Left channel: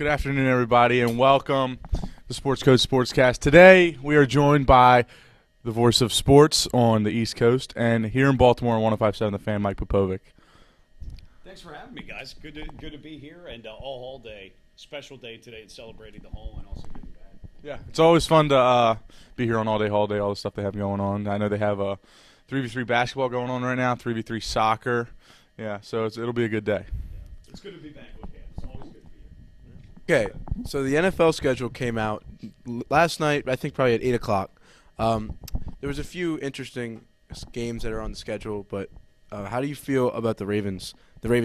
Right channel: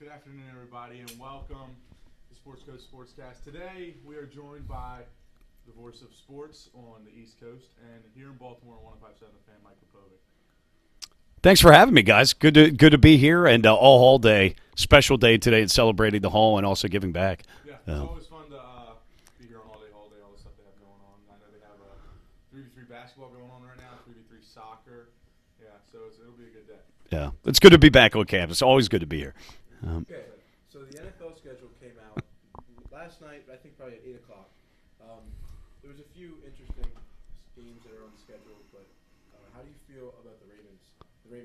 Good afternoon, everybody, and welcome to Sportscoat Sportscast. Today, we are joined by the voice of sports on the East Coast, and here in Baltimore on 105.7 The Fan, Mike Popovec. Thanks for having me, guys. Good to be here, and all Hall Day, special day today, and celebrating the Hall and also giving back. Yeah, it's always fun to be here on All Day Hall Day, all the stuff they have going on. I know they have a 3v3 basketball going on right now, 3v3 soccer. Yeah, so it'll be a good day. Yeah, it's good to be back on campus. Always good to be here. Okay, so the NFL schedule came out last night, I think probably at 8 o'clock. There was a few interesting games that are on the schedule, but how do you feel about the Ravens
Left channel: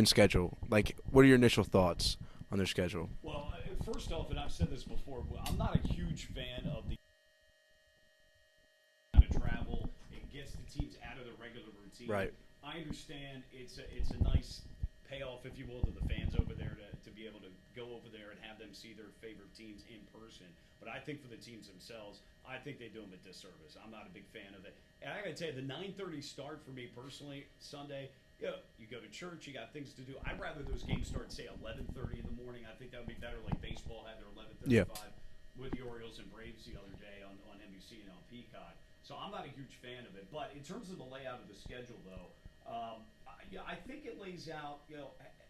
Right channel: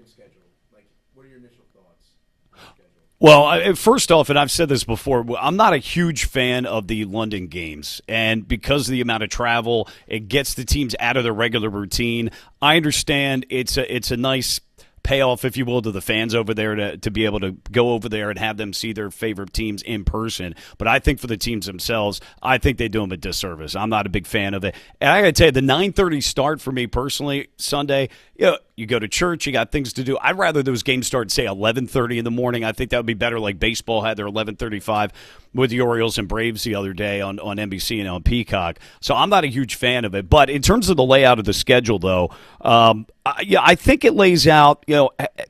schedule? Like, what are your initial thoughts on their schedule? Well, first off, and I've said this before, I'm not a huge fan of the London games. And because of the amount of travel, it gets the teams out of their regular routine. Right. I understand it's a nice payoff, if you will, to the fans over there to be able to go over there and have them see their favorite teams in person. But I think for the teams themselves, I think they do them a disservice. I'm not a big fan of it. And I got to tell you, the 9:30 start for me personally, Sunday, you go to church, you got things to do. I'd rather those games start, say, 11:30 in the morning. I think that would be better, like baseball had their 11:35 with the Orioles and Braves the other day on NBC and on Peacock. So I'm not a huge fan of it. But in terms of the layout of the schedule, though, I think it lays out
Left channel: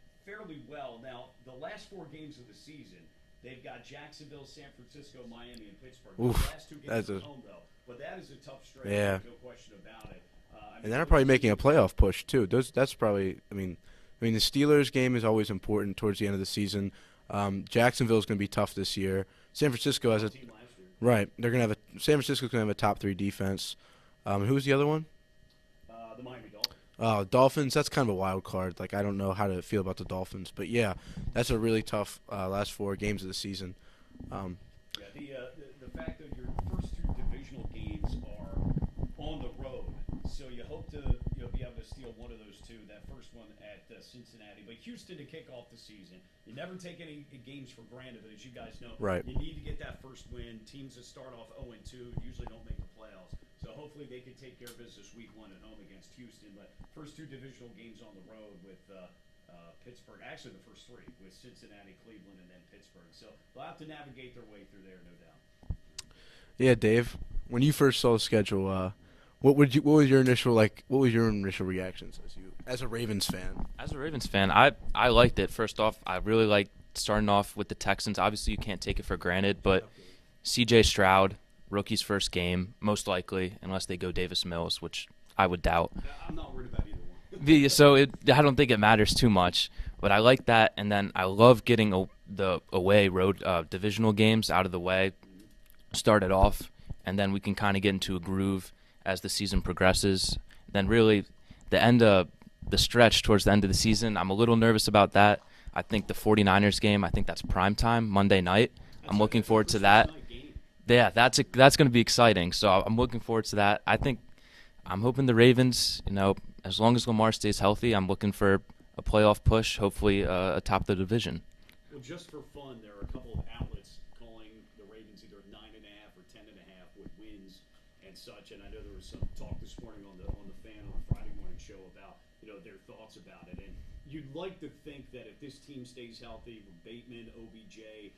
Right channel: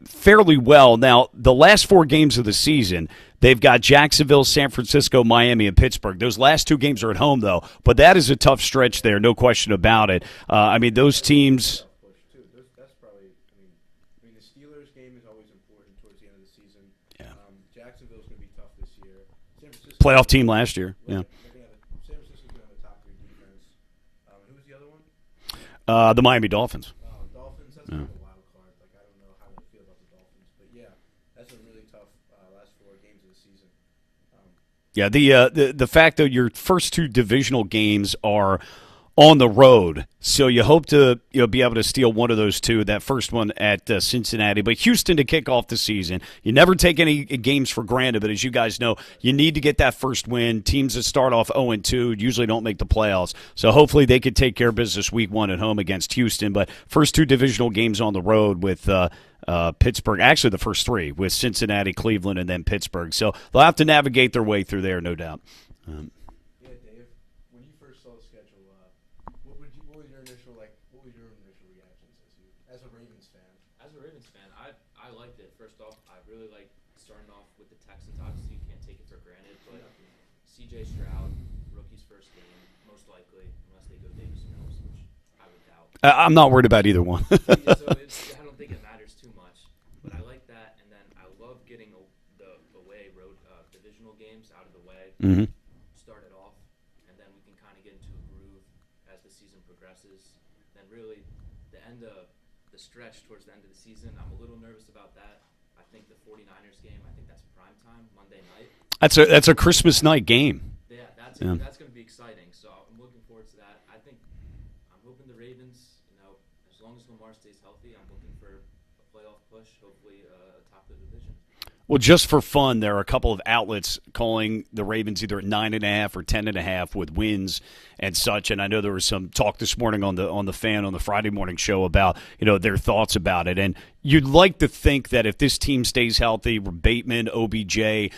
fairly well. Now, the last 4 games of the season, they've got Jacksonville, San Francisco, Miami, and Pittsburgh. Those last 2 games are at home, though. But that is a tough stretch there, no question about it. Those teams, a playoff push too. That's probably. I mean, the Steelers game is always important towards the end of the season. Yeah. Jacksonville is going to be tough this year. San Francisco playoff team last year, right? Yeah. They're going to have San Francisco's going to have a top 3 defense. Who's the other one? The Miami Dolphins. Dolphins, that's kind of a wild card. Like, I don't know how to feel about the Dolphins. But, yeah, that's a really tough last 4 games of the season. The fact that your first 2 divisional games are on the road, so you hope to be able to steal one of those 2. That first one at Cincinnati, but Houston to kick off the season. You never take any games for granted, but as you guys know, you need to get that first win. Teams that start off 0-2 usually don't make the playoffs, so hopefully they could take care of business week 1 at home against Houston. But first 2 divisional games on the road with Pittsburgh, actually the first 3 with Cincinnati, Cleveland, and then Pittsburgh. So they'll have to navigate their way through there, no doubt. Yeah, Dave, when you first saw the schedule, what was your initial reactions as a Ravens fan? As a Ravens fan, I liked it. First off, I really liked starting off with the Texans. Obviously, you can't take it for granted, but C.J. Stroud, rookie's first game, most likely, unless they go Davis Mills, which I would doubt. I'm not worried about either one. So I don't think it matters too much, but I like that. And then I love getting the away road divisional games out of the way, start it off, and then we can kind of get into a groove as the season progresses. Then really the end of the stretch towards the end of the season, I'm a little nervous about that. I think the 49ers game, I think that's prime time, Monday night. That's a Christmas night game. Yeah, that's going to be exciting. So I'm looking forward to that. I'm hoping the Ravens, as long as Lamar stays healthy, I'm looking for a playoff push, hopefully atop the division. Well, just for fun, there are a couple of outlets calling the Ravens either at 9.5 or 10.5 with wins and such. And I know there was some talk this morning on the Fan on the Friday morning show about their thoughts about it. And you'd like to think that if this team stays healthy, Bateman, OBJ,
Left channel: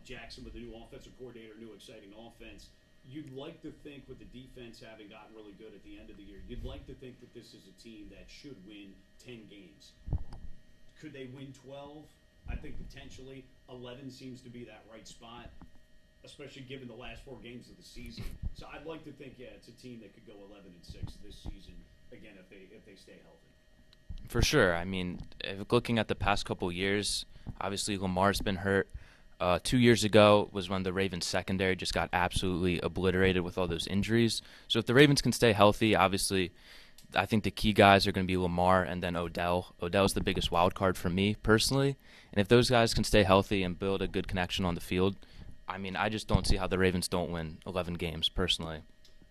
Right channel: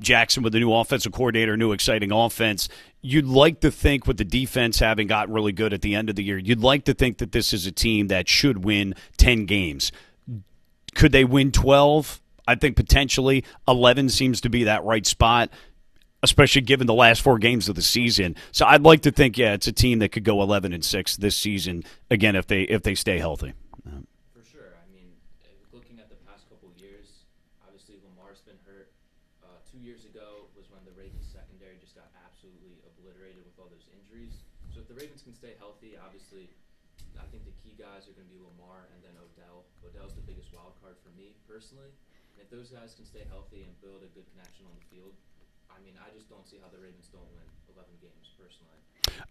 Jackson with the new offensive coordinator, new exciting offense. You'd like to think with the defense having got really good at the end of the year, you'd like to think that this is a team that should win 10 games. Could they win 12? I think potentially 11 seems to be that right spot, especially given the last 4 games of the season. So I'd like to think, it's a team that could go 11-6 this season again if they stay healthy. For sure. I mean, looking at the past couple of years, obviously Lamar's been hurt. 2 years ago was when the Ravens secondary just got absolutely obliterated with all those injuries. So if the Ravens can stay healthy, obviously I think the key guys are going to be Lamar and then Odell. Odell's the biggest wild card for me personally. And if those guys can stay healthy and build a good connection on the field, I mean, I just don't see how the Ravens don't win 11 games personally.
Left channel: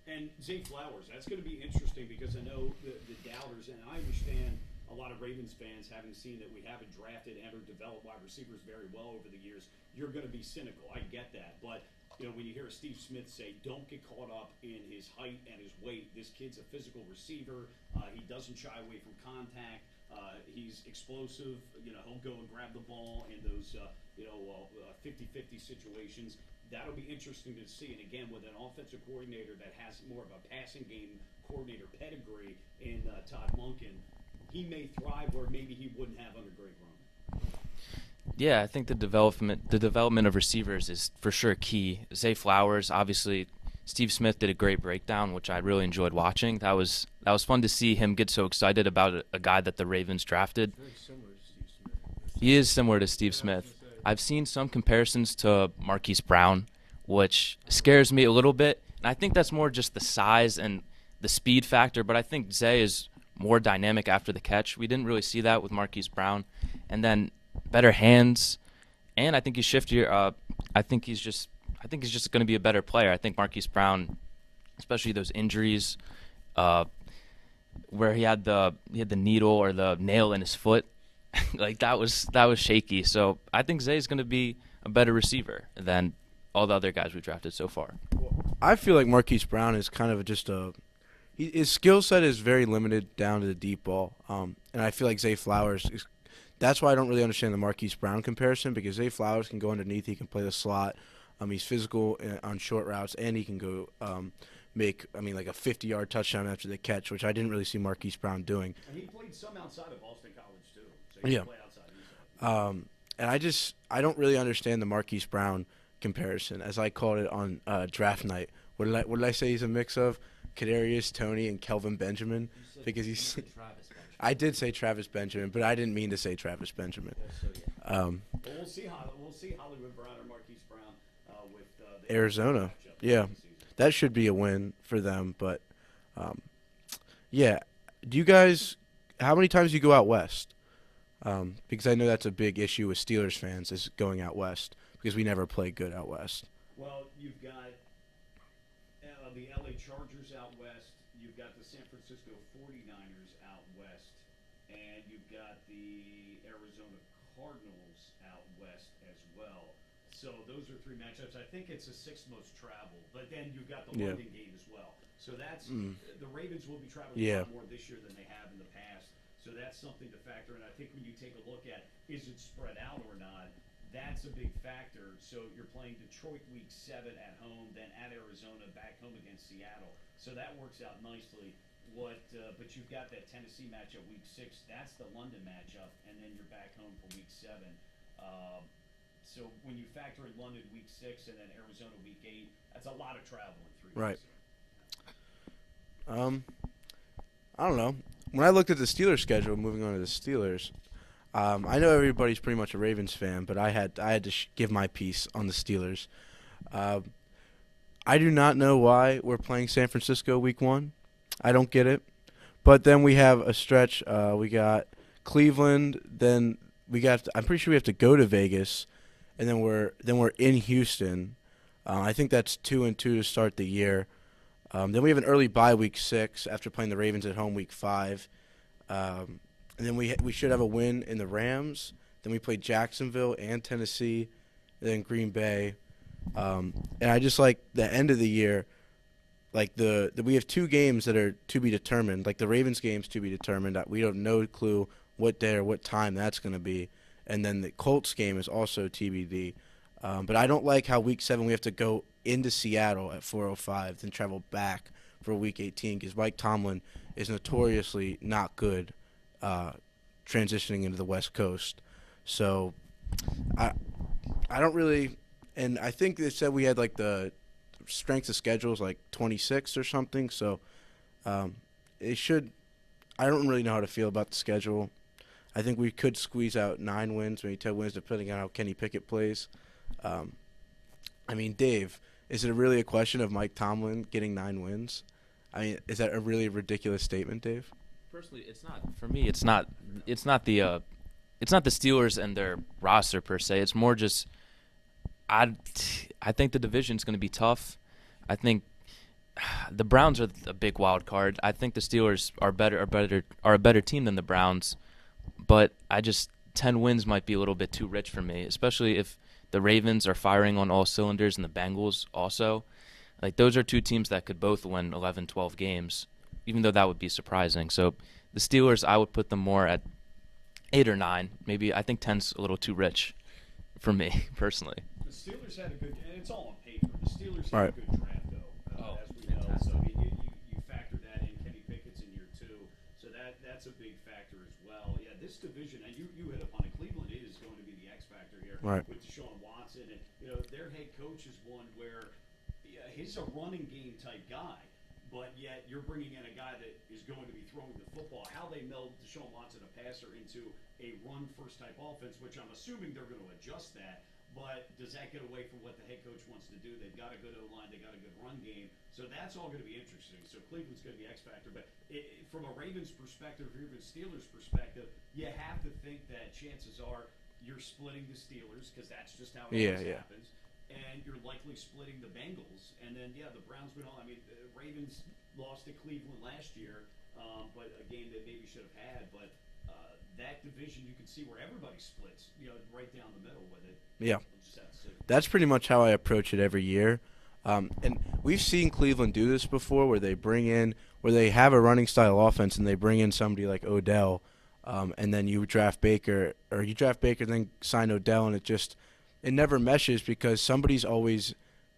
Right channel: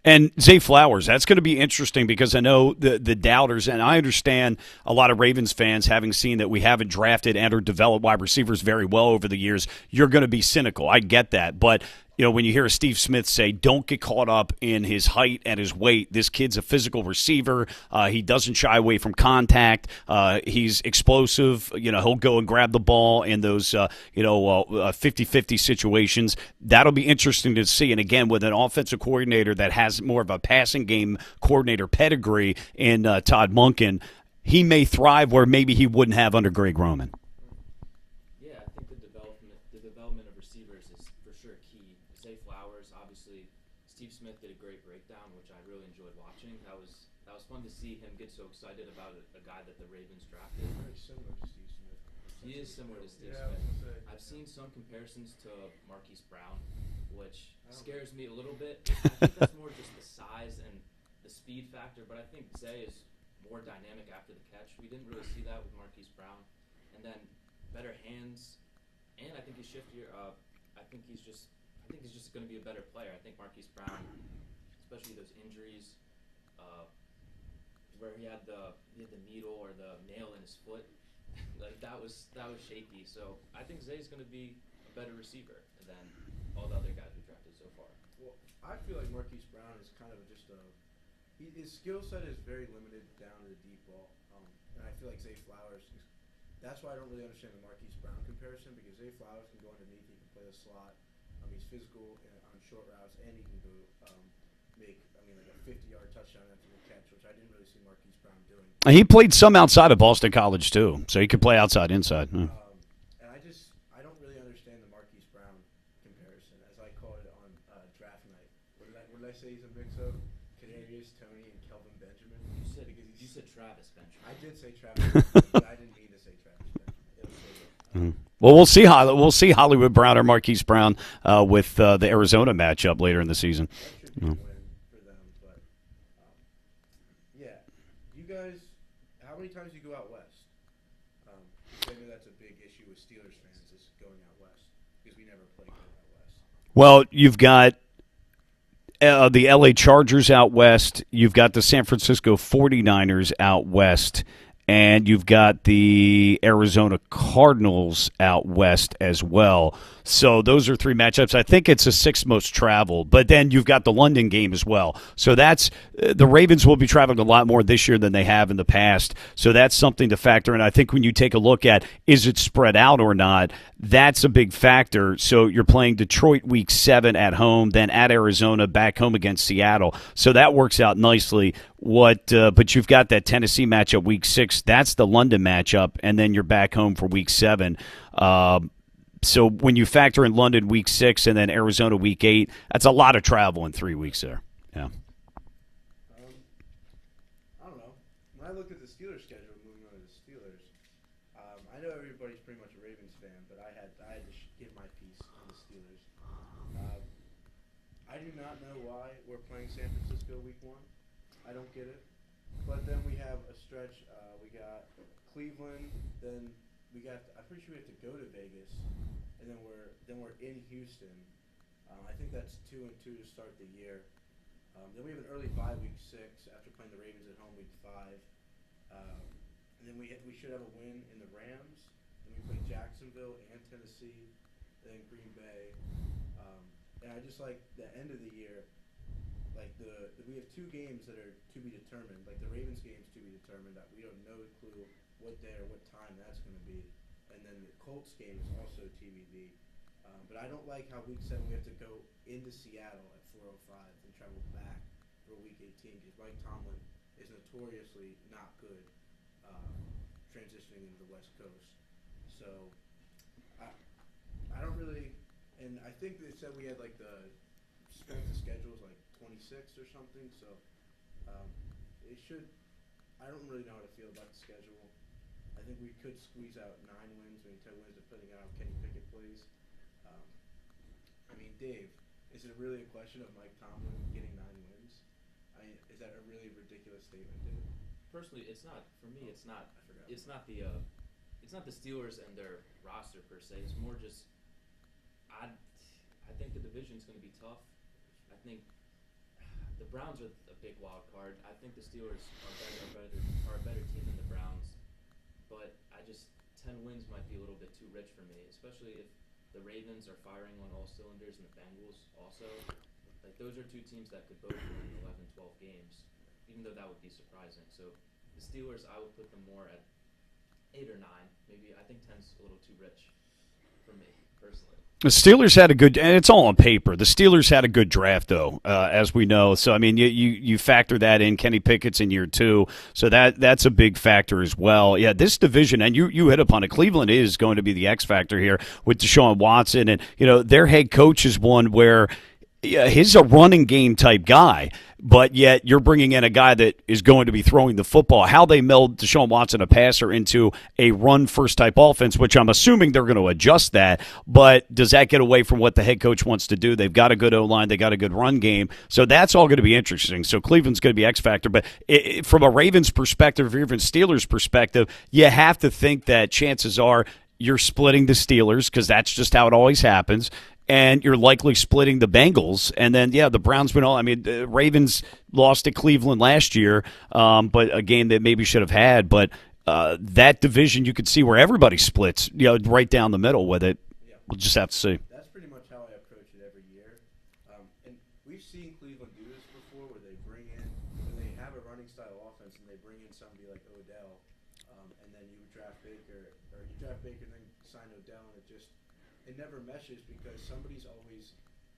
And Zay Flowers, that's going to be interesting because I know the doubters, and I understand a lot of Ravens fans, having seen that we haven't drafted and or developed wide receivers very well over the years, you're going to be cynical. I get that. But when you hear Steve Smith say, don't get caught up in his height and his weight. This kid's a physical receiver. He doesn't shy away from contact. He's explosive. He'll go and grab the ball in those, 50-50 situations. That'll be interesting to see. And again, with an offensive coordinator that has more of a passing game coordinator pedigree in Todd Monken, he may thrive where maybe he wouldn't have under Greg Roman. Yeah, I think the development of receivers is for sure key. Zay Flowers, obviously, Steve Smith did a great breakdown, which I really enjoyed watching. That was fun to see him get so excited about a guy that the Ravens drafted. He is similar to Steve Smith. I've seen some comparisons to Marquise Brown, which scares me a little bit. I think that's more just the size and the speed factor, but I think Zay is more dynamic after the catch. We didn't really see that with Marquise Brown. And then better hands, and I think he's shiftier. I think he's just going to be a better player. I think Marquise Brown, especially those injuries, where he had the needle or the nail in his foot, like that was shaky. So I think Zay's going to be a better receiver than all the other guys we drafted so far. I feel like Marquise Brown is kind of just his skill set is very limited down to the deep ball, and I feel like Zay Flowers is. That's why I don't really understand the Marquise Brown comparison, because Zay Flowers can go underneath. He can play the slot. He's physical on short routes, and he can go make like a 50-yard touchdown after the catch, which I didn't really see Marquise Brown doing. He played some outside of Boston College too, so he could play outside, inside. And I don't really understand the Marquise Brown comparison, as I called it on draft night. What did I say he's a mix of? Kadarius Toney and Kelvin Benjamin, because he's. I did say Travis Benjamin, but I didn't mean to say Travis Benjamin. Well, we'll see Hollywood Brown or Marquise Brown with the Arizona matchup later in the season. That should be a win for them. But, yeah. Do you guys – how many times do you go out west? Because I know that's a big issue with Steelers fans is going out west, because we never play good out west. Well, you've got the L.A. Chargers out west. You've got the San Francisco 49ers out west. And you've got the Arizona Cardinals out west as well. So those are three matchups. I think it's the sixth most traveled. But then you've got the London game as well. So that's the Ravens will be traveling a lot more this year than they have in the past. So that's something to factor in. I think when you take a look at is it spread out or not, that's a big factor. So you're playing Detroit week 7 at home, then at Arizona, back home against Seattle. So that works out nicely. But you've got that Tennessee matchup week 6. That's the London matchup, and then you're back home for week 7. So when you factor in London week 6 and then Arizona week 8, that's a lot of travel in 3 weeks there. Yeah. I don't know. When I looked at the Steelers schedule, moving on to the Steelers, I know everybody's pretty much a Ravens fan, but I had to give my piece on the Steelers. I do not know why we're playing San Francisco week 1. I don't get it. But then we have a stretch. We got Cleveland. Then I'm pretty sure we have to go to Vegas, and then we're in Houston. I think that's 2-2 to start the year. Then we have an early bye week 6 after playing the Ravens at home week 5. And then we should have a win in the Rams. Then we play Jacksonville and Tennessee, then Green Bay. And I just like the end of the year. Like we have 2 games that are to be determined. Like the Ravens game's to be determined. We have no clue what day or what time that's going to be. And then the Colts game is also TBD. But I don't like how week 7 we have to go into Seattle at 4:05, then travel back for week 18, because Mike Tomlin is notoriously not good transitioning into the West Coast. So I don't really – and I think they said we had like the – strength of schedule is like 26 or something, so it should. I don't really know how to feel about the schedule. I think we could squeeze out 9 wins, maybe 10 wins, depending on how Kenny Pickett plays. Dave, is it really a question of Mike Tomlin getting 9 wins? I mean, is that a really ridiculous statement, Dave? Personally, it's not. For me, it's not the Steelers and their roster per se. It's more just I think the division's going to be tough. I think the Browns are a big wild card. I think the Steelers are a better team than the Browns, but 10 wins might be a little bit too rich for me, especially if the Ravens are firing on all cylinders and the Bengals also. Like, those are two teams that could both win 11, 12 games, even though that would be surprising. So the Steelers, I would put them more at 8 or 9. Maybe I think 10's a little too rich for me personally. The Steelers had a good, and it's all on paper. The Steelers had a good draft, though, as we know. So I mean, you factor that in. Kenny Pickett's in year 2, so that's a big factor as well. Yeah, this division, and you hit upon it. Cleveland is going to be the X factor here with Deshaun Watson, and their head coach is one where he's a running game type guy. But yet you're bringing in a guy that is going to be throwing the football. How they meld Deshaun Watson, a passer, into a run-first type offense, which I'm assuming they're going to adjust that. But does that get away from what the head coach wants to do? They've got a good O-line. They got a good run game. So that's all going to be interesting. So Cleveland's going to be X-factor. But from a Ravens perspective or even Steelers perspective, you have to think that chances are you're splitting the Steelers because that's just how it always happens. And you're likely splitting the Bengals. And then, the Browns the Ravens lost to Cleveland last year, but a game that maybe should have had. But that division, you could see where everybody splits, right down the middle with it. Yeah. We'll just have to see. That's pretty much how I approach it every year. And we've seen Cleveland do this before where they have a running style offense and they bring in somebody like Odell, and then you draft Baker, then sign Odell, and it never meshes because somebody's always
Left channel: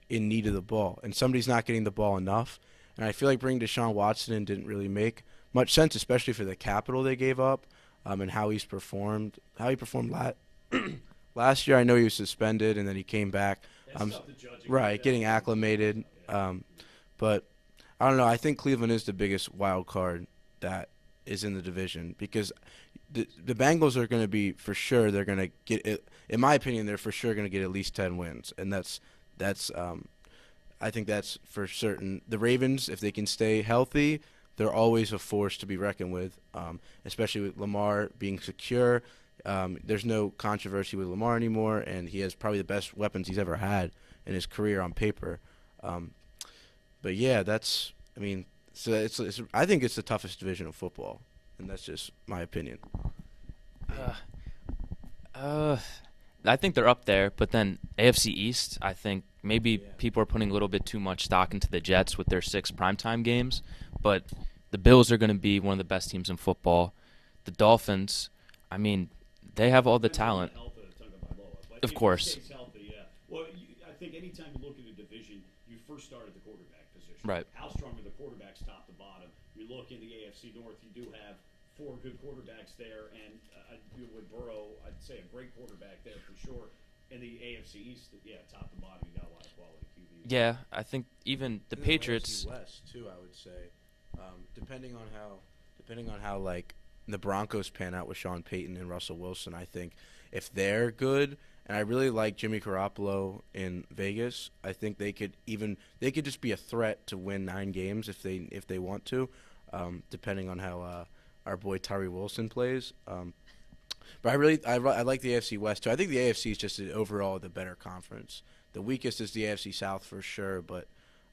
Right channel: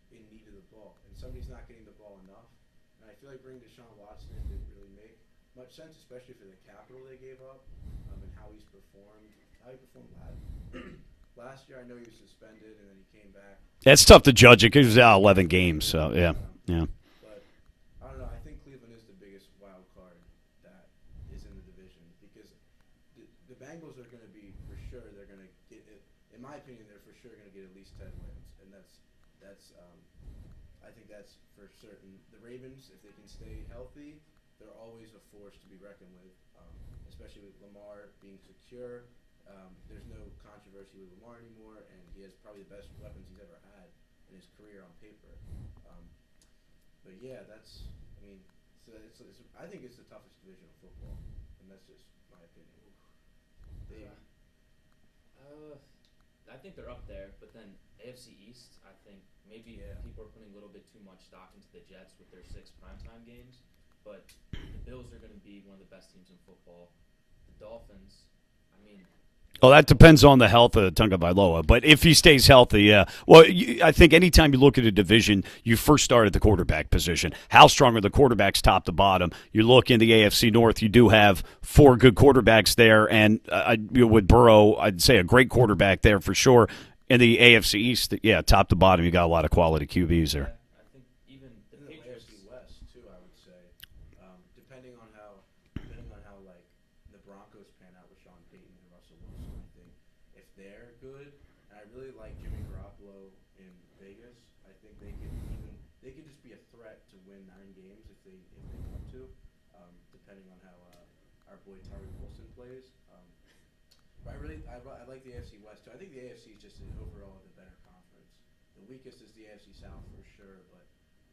in need of the ball, and somebody's not getting the ball enough. And I feel like bringing Deshaun Watson in didn't really make much sense, especially for the capital they gave up, and how he performed last year. I know he was suspended, and then he came back. It's tough to judge it because he was out 11 acclimated. games. So, yeah. But I don't know. I think Cleveland is the biggest wild card that is in the division because the Bengals are going to be for sure. They're going to get it. In my opinion, they're for sure going to get at least 10 wins, and that's I think that's for certain. The Ravens, if they can stay healthy, they're always a force to be reckoned with, especially with Lamar being secure. There's no controversy with Lamar anymore, and he has probably the best weapons he's ever had in his career on paper. But yeah, I think it's the toughest division of football, and that's just my opinion. I think they're up there, but then AFC East, I think maybe people are putting a little bit too much stock into the Jets with their 6 primetime games, but the Bills are going to be one of the best teams in football. The Dolphins, that depends on the health of Tagovailoa. But if he stays healthy, yeah. Well, I think anytime you look at a division, you first start at the quarterback position. Right. How strong are the quarterbacks top to bottom? You look in the AFC North, you do have 4 good quarterbacks there. And with Burrow, I'd say a great quarterback there for sure. In the AFC East, top to bottom, you got a lot of quality QBs. Yeah, I think even the Patriots. The AFC West, too, I would say. Depending on how like the Broncos pan out with Sean Payton and Russell Wilson, I think if they're good, and I really like Jimmy Garoppolo in Vegas, I think they could just be a threat to win 9 games if they want to, depending on how our boy Tyree Wilson plays. But I like the AFC West too. I think the AFC is just overall the better conference. The weakest is the AFC South for sure, but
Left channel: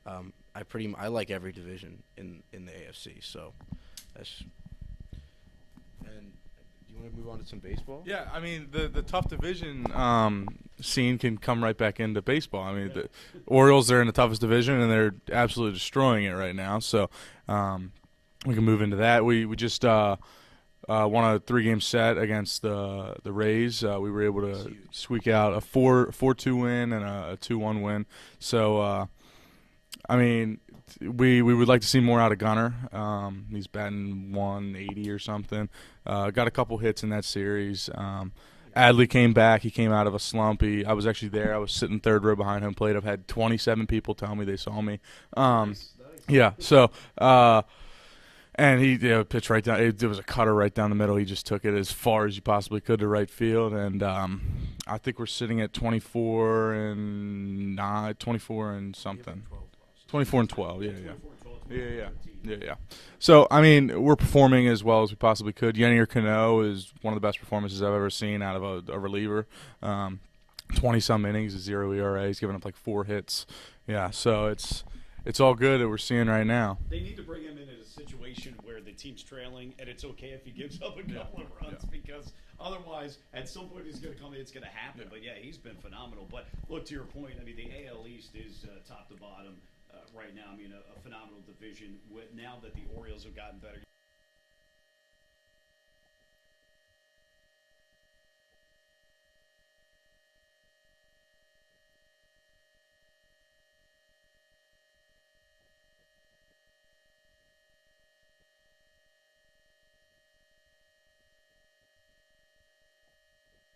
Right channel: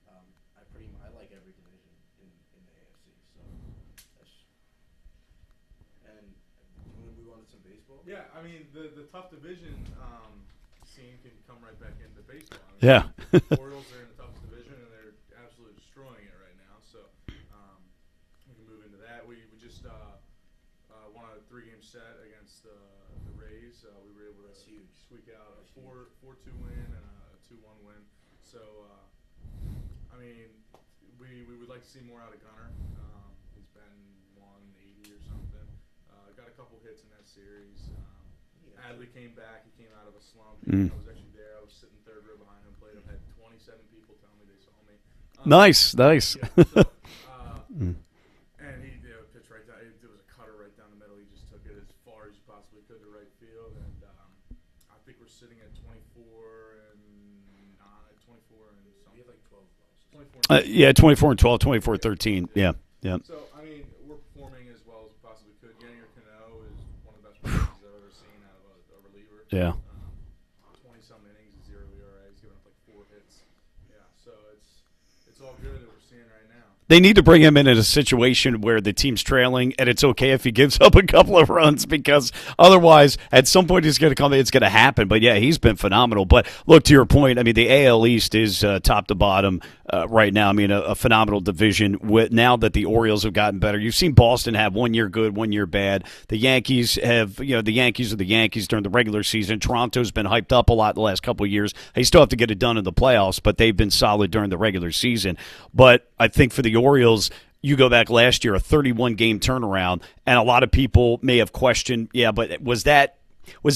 I like every division in the AFC. So that's. And you want to move on to some baseball? Yeah, the tough division scene can come right back into baseball. Yeah. The Orioles are in the toughest division, and they're absolutely destroying it right now. So we can move into that. We just won a 3-game set against the Rays. We were able to squeak out a 4-2 win and a 2-1 win. So, we would like to see more out of Gunnar. He's batting 180 or something. Got a couple hits in that series. Adley came back. He came out of a slump. I was actually there. I was sitting third row behind home plate. I've had 27 people tell me they saw me. Nice. Yeah. So, and he pitched right down. It was a cutter right down the middle. He just took it as far as you possibly could to right field. And I think we're sitting at 24 and something. 24 and 12. 24 and 12, 24 13. Yeah. So, we're performing as well as we possibly could. Yennier Cano is one of the best performances I've ever seen out of a reliever. Yeah. 20-some innings, 0 ERA. He's given up like 4 hits. Yeah, so it's all good that we're seeing right now. They need to bring him in a situation where the team's trailing, and it's okay if he gives up a couple of runs, because otherwise, at some point, he's going to come. It's going to happen. But yeah, he's been phenomenal. But look, to your point, I mean, the AL East is top to bottom right now. I mean, a phenomenal division. Now that the Orioles have gotten better, you've seen Boston have 1 year good, 1 year bad. The Yankees have, the Yankees are the Yankees during the regular season. Toronto's been hyped up a lot the last couple of years. They still have to get it done in the playoffs, but they've been solid during the regular season. But I think for the Orioles, you go back last year, a 31-game turnaround, and a lot of people may have questioned, but was that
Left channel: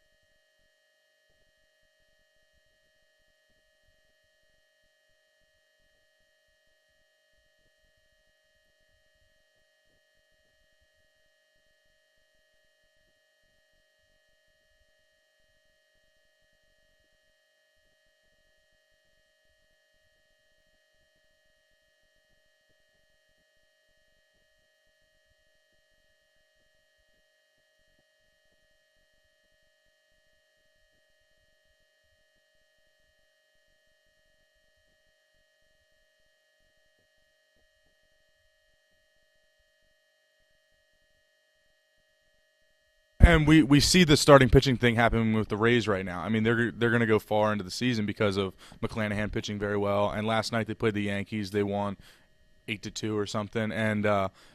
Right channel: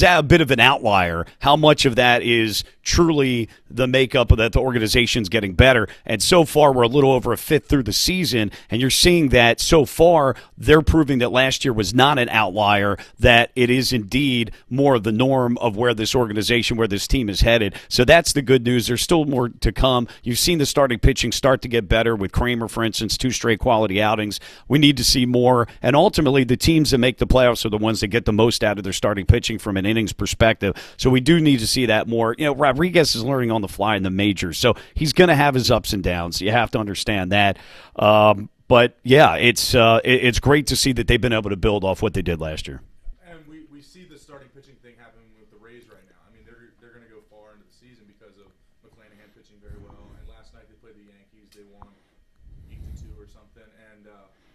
a bit of an outlier? How much of that is truly the makeup of that the organization's getting better? And so far, we're a little over a fifth through the season, and you're seeing that so far they're proving that last year was not an outlier, that it is indeed more of the norm of where this organization, where this team is headed. So that's the good news. There's still more to come. You've seen the starting pitching start to get better with Kramer, for instance, 2 straight quality outings. We need to see more, and ultimately the teams that make the playoffs are the ones that get the most out of their starting pitching from an innings perspective. So we do need to see that more. Rodriguez is learning on the fly in the majors, so he's going to have his ups and downs. You have to understand that. But yeah, it's great to see that they've been able to build off what they did last year. And we see the starting pitching thing happening with the Rays right now. I mean, they're going to go far into the season because of McClanahan pitching very well. And last night they played the Yankees. They won 8-2 or something. And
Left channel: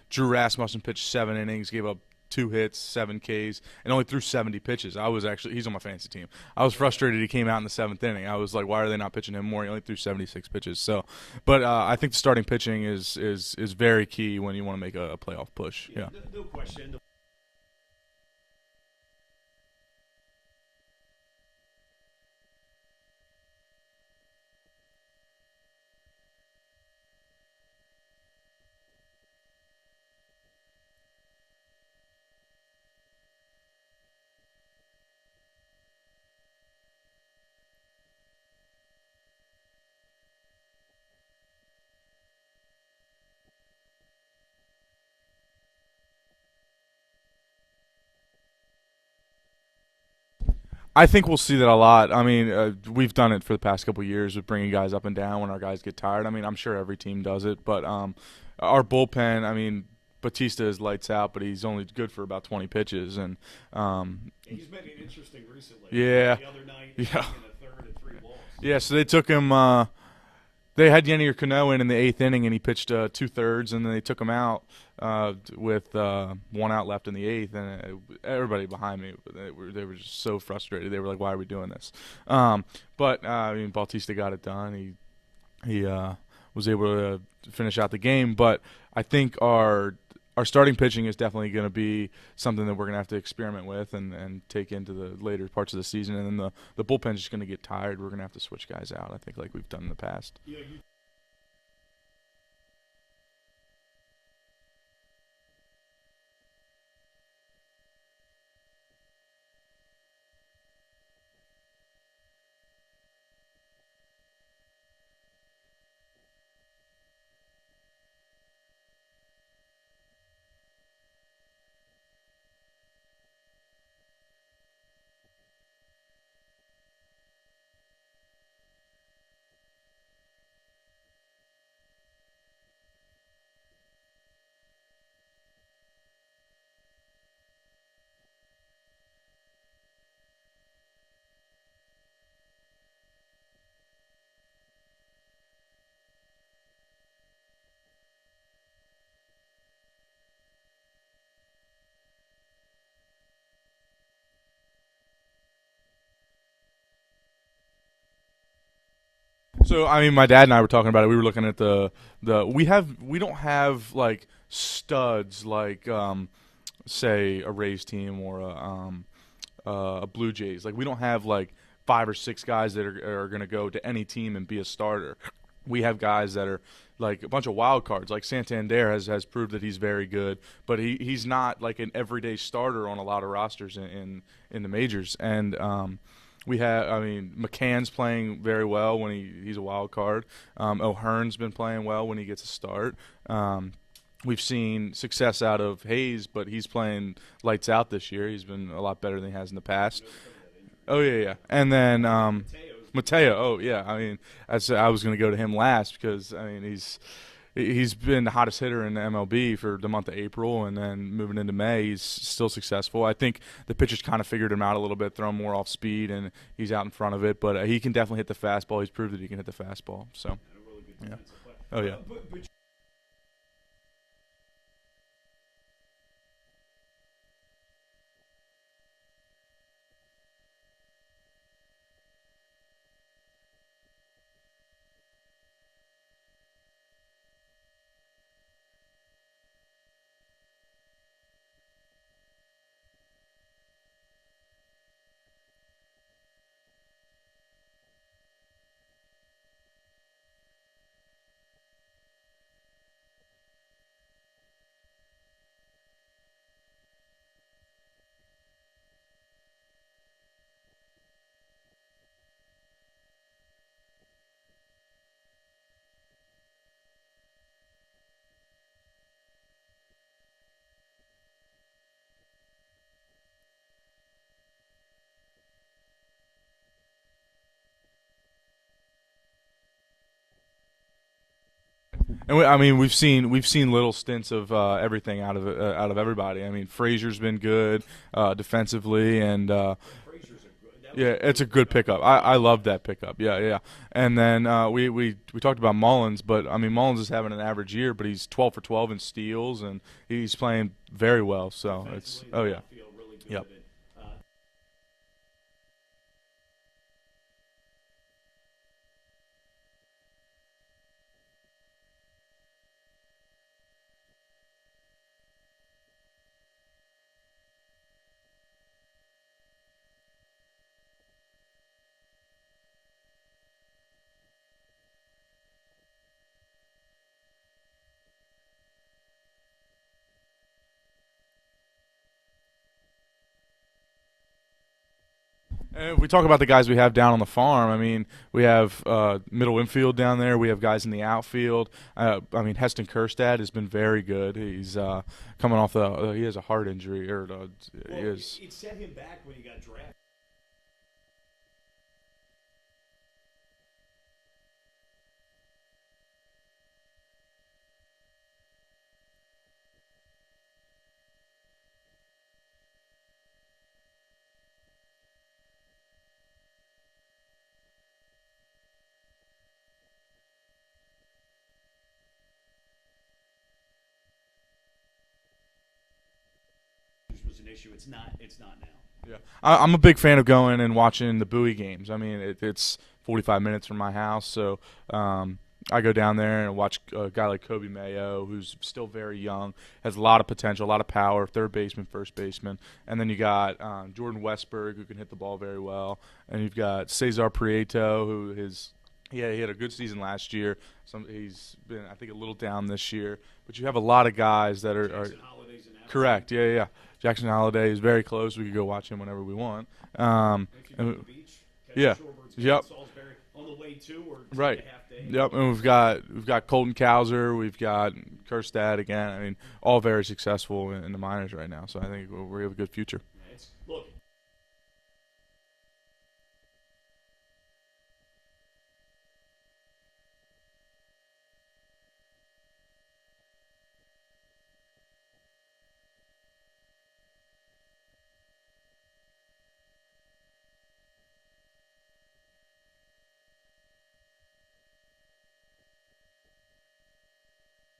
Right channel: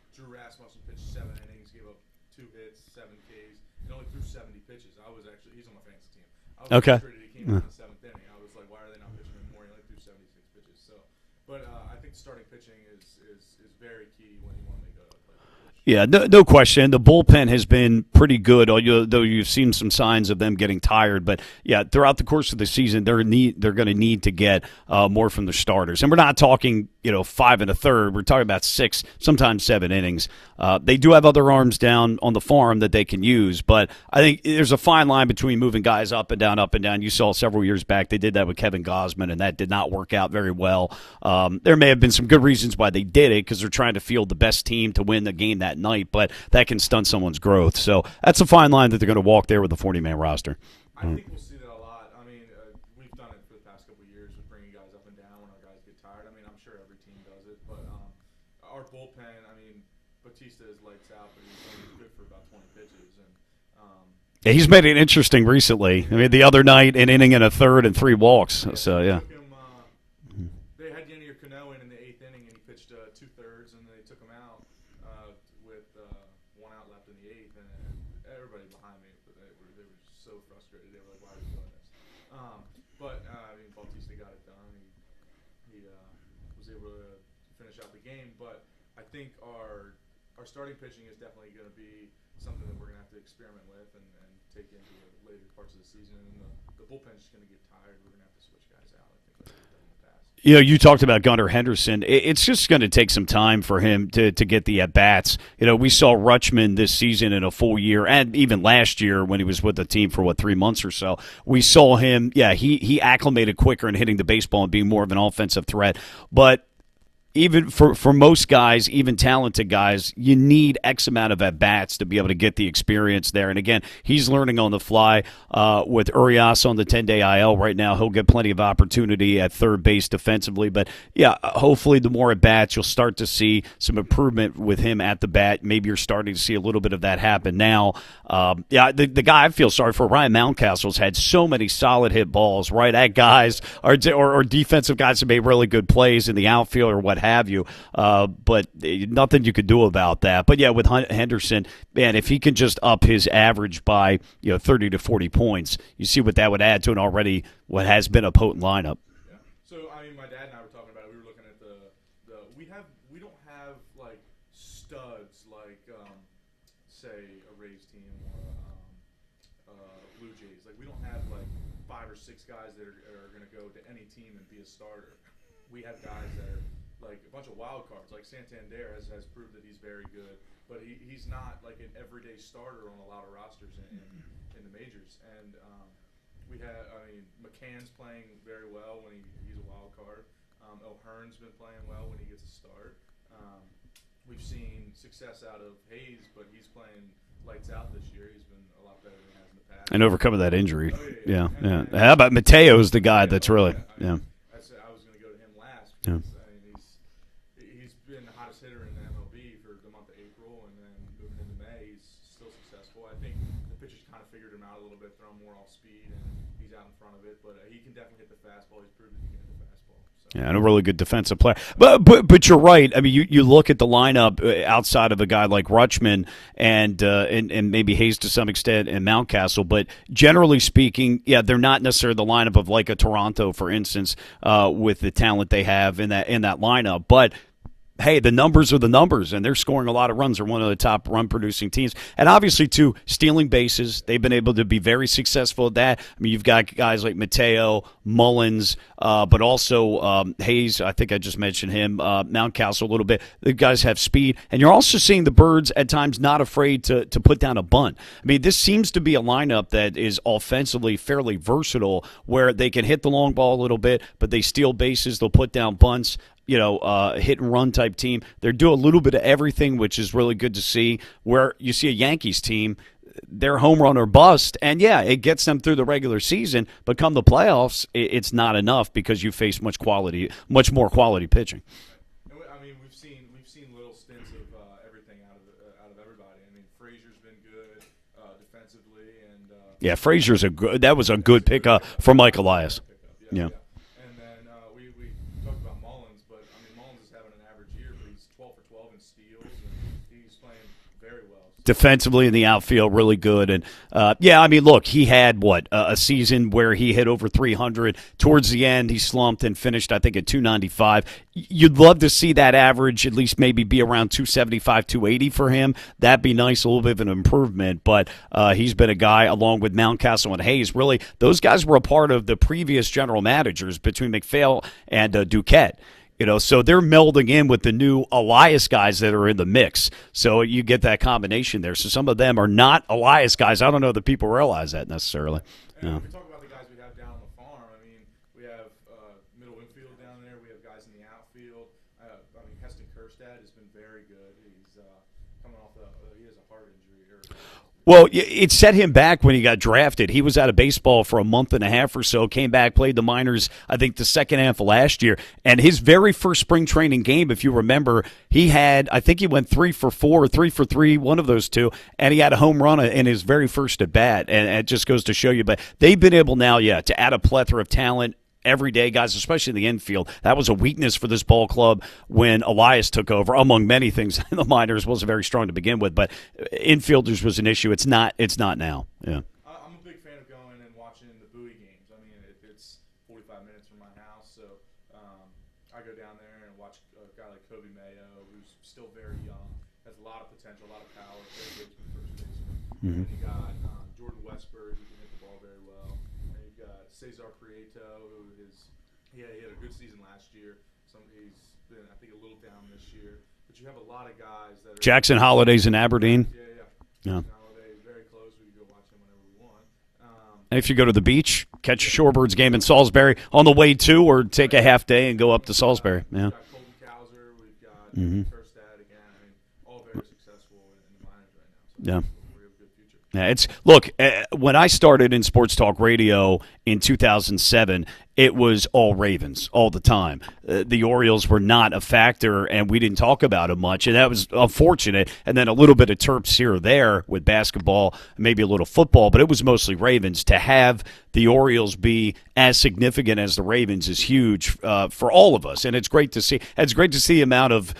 Drew Rasmussen pitched 7 innings, gave up 2 hits, 7 Ks, and only threw 70 pitches. He's on my fantasy team. I was frustrated he came out in the 7th inning. I was like, why are they not pitching him more? He only threw 76 pitches. So, but I think the starting pitching is very key when you want to make a playoff push. Yeah, no question. The bullpen has been pretty good, though you've seen some signs of them getting tired. But yeah, throughout the course of the season, they're going to need to get more from the starters. And we're not talking 5 1/3. We're talking about 6, sometimes 7 innings. They do have other arms down on the farm that they can use, but I think there's a fine line between moving guys up and down, up and down. You saw several years back they did that with Kevin Gausman, and that did not work out very well. There may have been some good reasons why they did it, because they're trying to field the best team to win the game that night, but that can stunt someone's growth. So that's a fine line that they're going to walk there with the 40-man roster. I think we'll see that a lot. I mean, we've done it for the past couple of years with bringing guys up and down when our guys get tired. I mean, I'm sure every team does it, but our bullpen, I mean, Batista is lights out, but he's only good for about 20 pitches, and he's made it interesting recently. Yeah. I mean, the other night, an inning and a third and 3 walks. Yeah, so they took him. They had Yennier Cano in the 8th inning, and he pitched 2/3, and then they took him out with 1 out left in the 8th, and everybody behind me, they were just so frustrated. They were like, "Why are we doing this?" But I mean, Bautista got it done. He was able to finish out the game, but I think our starting pitching is definitely going to be something that we're going to have to experiment with and take into the later parts of the season. And then the bullpen's just going to get tired. We're going to have to switch guys out, I think, like we've done in the past. You talked about Gunnar Henderson. It's just going to take some time for him to get the at-bats. We saw Rutschman this season in a full year, and even last year when he was with the team for, 3 months or so. We saw him, he acclimated quicker in hitting the baseball and being more of an offensive threat. But even for most guys, even talented guys, you need X amount of at-bats to be able to get the experience there. And, again, he's learning on the fly with Urias on the 10-day IL right now. He'll get plenty of opportunity at third base defensively. But, hopefully the more at-bats, you'll start to see some improvement with him at the bat. Maybe you're starting to see a little bit of that happen now. The guy I feel sorry for, Ryan Mountcastle's had so many solid hit balls right at guys or defensive guys who made really good plays in the outfield or what have you, but nothing you could do about that. But with Henderson, man, if he can just up his average by 30 to 40 points, you see what that would add to an already what has been a potent lineup. So I mean, my dad and I were talking about it. We were looking at we don't have like studs like say a Rays team or a Blue Jays. Like we don't have like 5 or 6 guys that are going to go to any team and be a starter. We have guys that are like a bunch of wild cards. Like Santander has proved that he's very good, but he's not like an everyday starter on a lot of rosters in the majors. And McCann's playing very well when he's a wild card. O'Hearn's been playing well when he gets a start. We've seen success out of Hayes, but he's playing lights out this year. He's been a lot better than he has in the past. And overcoming that injury. Oh, yeah. And then how about Mateo's the guy Mateo, that's really. Yeah, I mean, I was going to go to him last because, I mean, he's been the hottest hitter in the MLB for the month of April, and then moving into May, he's still successful. I think the pitchers kind of figured him out a little bit, throwing more off speed, and he's out in front of it. But he can definitely hit the fastball. He's proved that he can hit the fastball. So yeah, and a really good defensive player. But you're right. I mean, you look at the lineup outside of a guy like Rutschman and maybe Hayes to some extent and Mountcastle. But generally speaking, yeah, they're not necessarily the lineup of like a Toronto, for instance, with the talent they have in that lineup. But hey, the numbers are the numbers, and they're scoring a lot of runs. They're one of the top run-producing teams. And obviously, too, stealing bases. They've been able to be very successful at that. I mean, you've got guys like Mateo, Mullins, but also Hayes. I think I just mentioned him. Mountcastle a little bit. The guys have speed. And you're also seeing the Birds at times not afraid to put down a bunt. I mean, this seems to be a lineup that is offensively fairly versatile, where they can hit the long ball a little bit, but they steal bases. They'll put down bunts. Hit and run type team. They're doing a little bit of everything, which is really good to see. Where you see a Yankees team, they're home run or bust, and yeah, it gets them through the regular season. But come the playoffs, it's not enough because you face much more quality pitching. And we've seen little stints of everything out of everybody. I mean, Frazier's been good defensively, and Frazier's a good pickup for I Mike Elias. love that pickup. Yeah. And then we talked about Mullins, but I mean Mullins is having an average year, but he's 12 for 12 in steals, and he's playing very well. So defensively in the outfield, really good. And I mean, look, he had a season where he hit over 300. Towards the end, he slumped and finished, I think, at 295. You'd love to see that average at least maybe be around 275, 280 for him. That'd be nice, a little bit of an improvement. But he's been a guy, along with Mountcastle and Hayes, really, those guys were a part of the previous general managers between McPhail and Duquette. So they're melding in with the new Elias guys that are in the mix. So you get that combination there. So some of them are not Elias guys. I don't know that people realize that necessarily. And we talk about the guys we have down on the farm. I mean, we have middle infield down there. We have guys in the outfield. Heston Kjerstad has been very good. He's coming off he has a heart injury. It set him back when he got drafted. He was out of baseball for a month and a half or so, came back, played the minors, I think, the second half of last year. And his very first spring training game, if you remember, he went 3 for 4 or 3 for 3, one of those two, and he had a home run in his very first at bat. And it just goes to show you. But they've been able now, to add a plethora of talent. Everyday guys, especially in the infield. That was a weakness for this ball club when Elias took over, among many things. The minors wasn't very strong to begin with, but infielders was an issue. It's not now. Yeah, I'm a big fan of going and watching the Bowie games. I mean, it's 45 minutes from my house, so I go down there and watch a guy like Kobe Mayo, who's still very young, has a lot of potential, a lot of power, third baseman, first baseman. Mm-hmm. And then you got Jordan Westberg, who can hit the ball very well. And you've got Cesar Prieto, who he had a good season last year. He's been, I think, a little down this year. But you have a lot of guys that are – Jackson Holliday's in Aberdeen. Correct, yeah. Jackson Holiday is very close. We could go watch him whenever we want. And if you go to the beach, catch a Shorebirds game in Salisbury on the way to, or take a half day and go up to Salisbury. We've got Colton Cowser. We've got Kjerstad again. I mean, all very successful in the minors right now. So I think we have a good future. Yeah, when I started in sports talk radio in 2007, it was all Ravens all the time. The Orioles were not a factor, and we didn't talk about it much, and that was unfortunate. And then a little bit of Terps here or there with basketball, maybe a little football, but it was mostly Ravens. To have the Orioles be as significant as the Ravens is huge for all of us, and it's great to see. It's great to see the amount of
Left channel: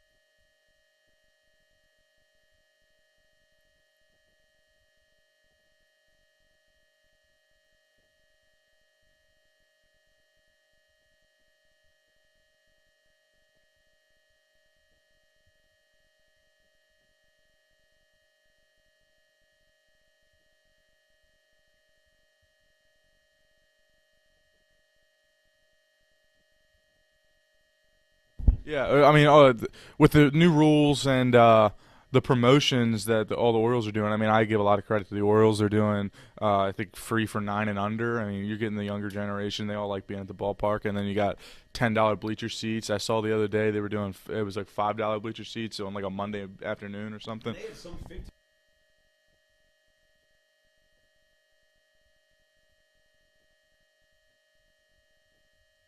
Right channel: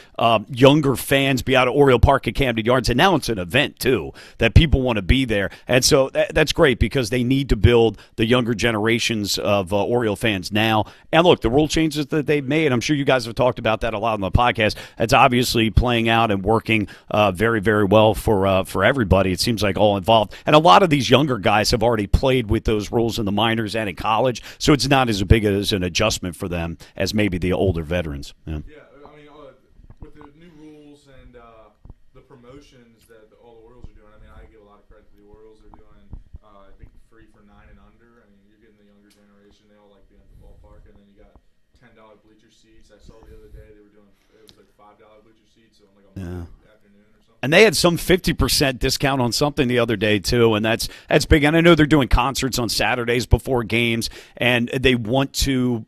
younger fans be out at Oriole Park at Camden Yards, and now it's an event too that people want to be there, and so that's great because they need to build the younger generations of Oriole fans now. And look, the rule changes that they've made, I'm sure you guys have talked about that a lot on the podcast. It's obviously playing out and working very, very well for everybody. It seems like all involved, and a lot of these younger guys have already played with those rules in the minors and in college, so it's not as big as an adjustment for them as maybe the older veterans. Yeah, I mean, with the new rules and the promotions that all the Orioles are doing, I mean, I give a lot of credit to the Orioles. They're doing I think free for 9 and under. I mean, you're getting the younger generation. They all like being at the ballpark. And then you got $10 bleacher seats. I saw the other day they were doing it was like $5 bleacher seats on like a Monday afternoon or something. And they had some 50% discount on something the other day too, and that's big. And I know they're doing concerts on Saturdays before games, and they want to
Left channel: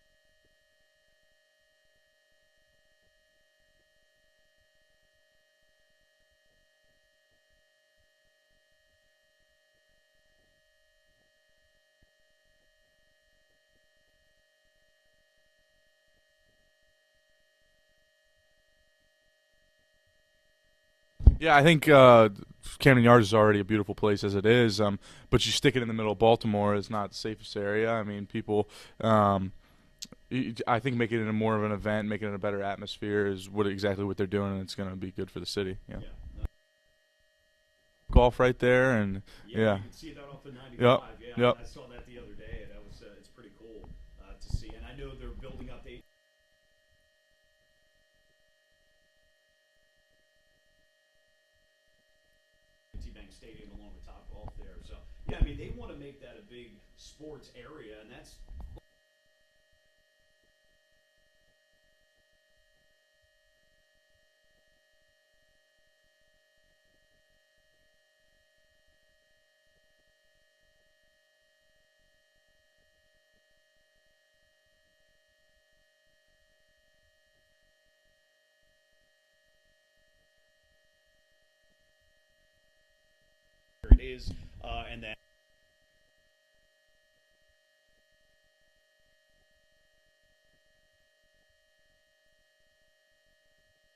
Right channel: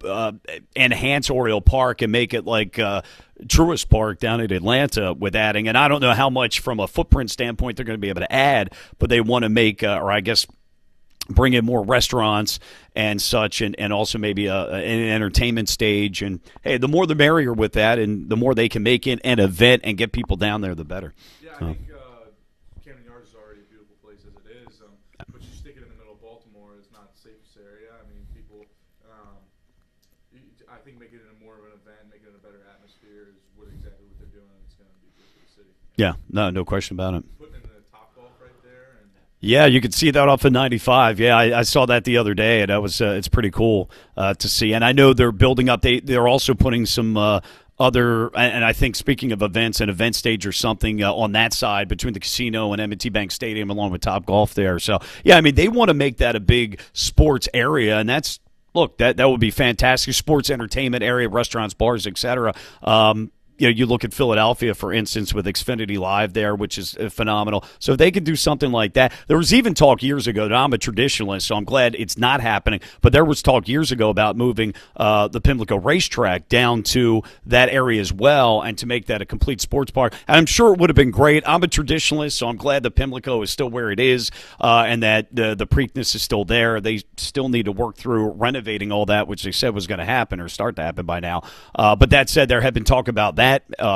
enhance Oriole Park and make it like Truist Park down in Atlanta with adding. And I don't know how much from a footprint standpoint they're going to be able to add, but they want to make, or I guess bring in more restaurants and such, and also maybe an entertainment stage. And, hey, the more the merrier with that, and the more they can make it an event and get people down there, the better. Yeah, I think Camden Yards is already a beautiful place as it is, but you stick it in the middle of Baltimore, it's not the safest area. I mean, people I think making it more of an event, making it a better atmosphere is exactly what they're doing, and it's going to be good for the city. Yeah, no question about it. Golf right there, and yeah, you could see that off of 95. Yeah, I saw that the other day, and that was it's pretty cool to see. And I know they're building up. They're also putting some other, and I think speaking of events, an event stage or something on that side between the casino and M&T Bank Stadium, along with Top Golf there. So yeah, I mean they want to make that a big sports area, and that's. Look, that would be fantastic. Sports entertainment area, restaurants, bars, etc. You look at Philadelphia, for instance, with Xfinity Live there, which is phenomenal. So if they could do something like that. There was even talk years ago, and I'm a traditionalist, so I'm glad it's not happening, but there was talk years ago about moving the Pimlico racetrack down to that area as well and to make that a complete sports park. And I'm sure it would have been great. I'm a traditionalist, so I'm glad the Pimlico is still where it is and that the Preakness is still there. They still need to work through renovating all that, which they said was going to happen or start to happen by now. But that said, there had been talk about that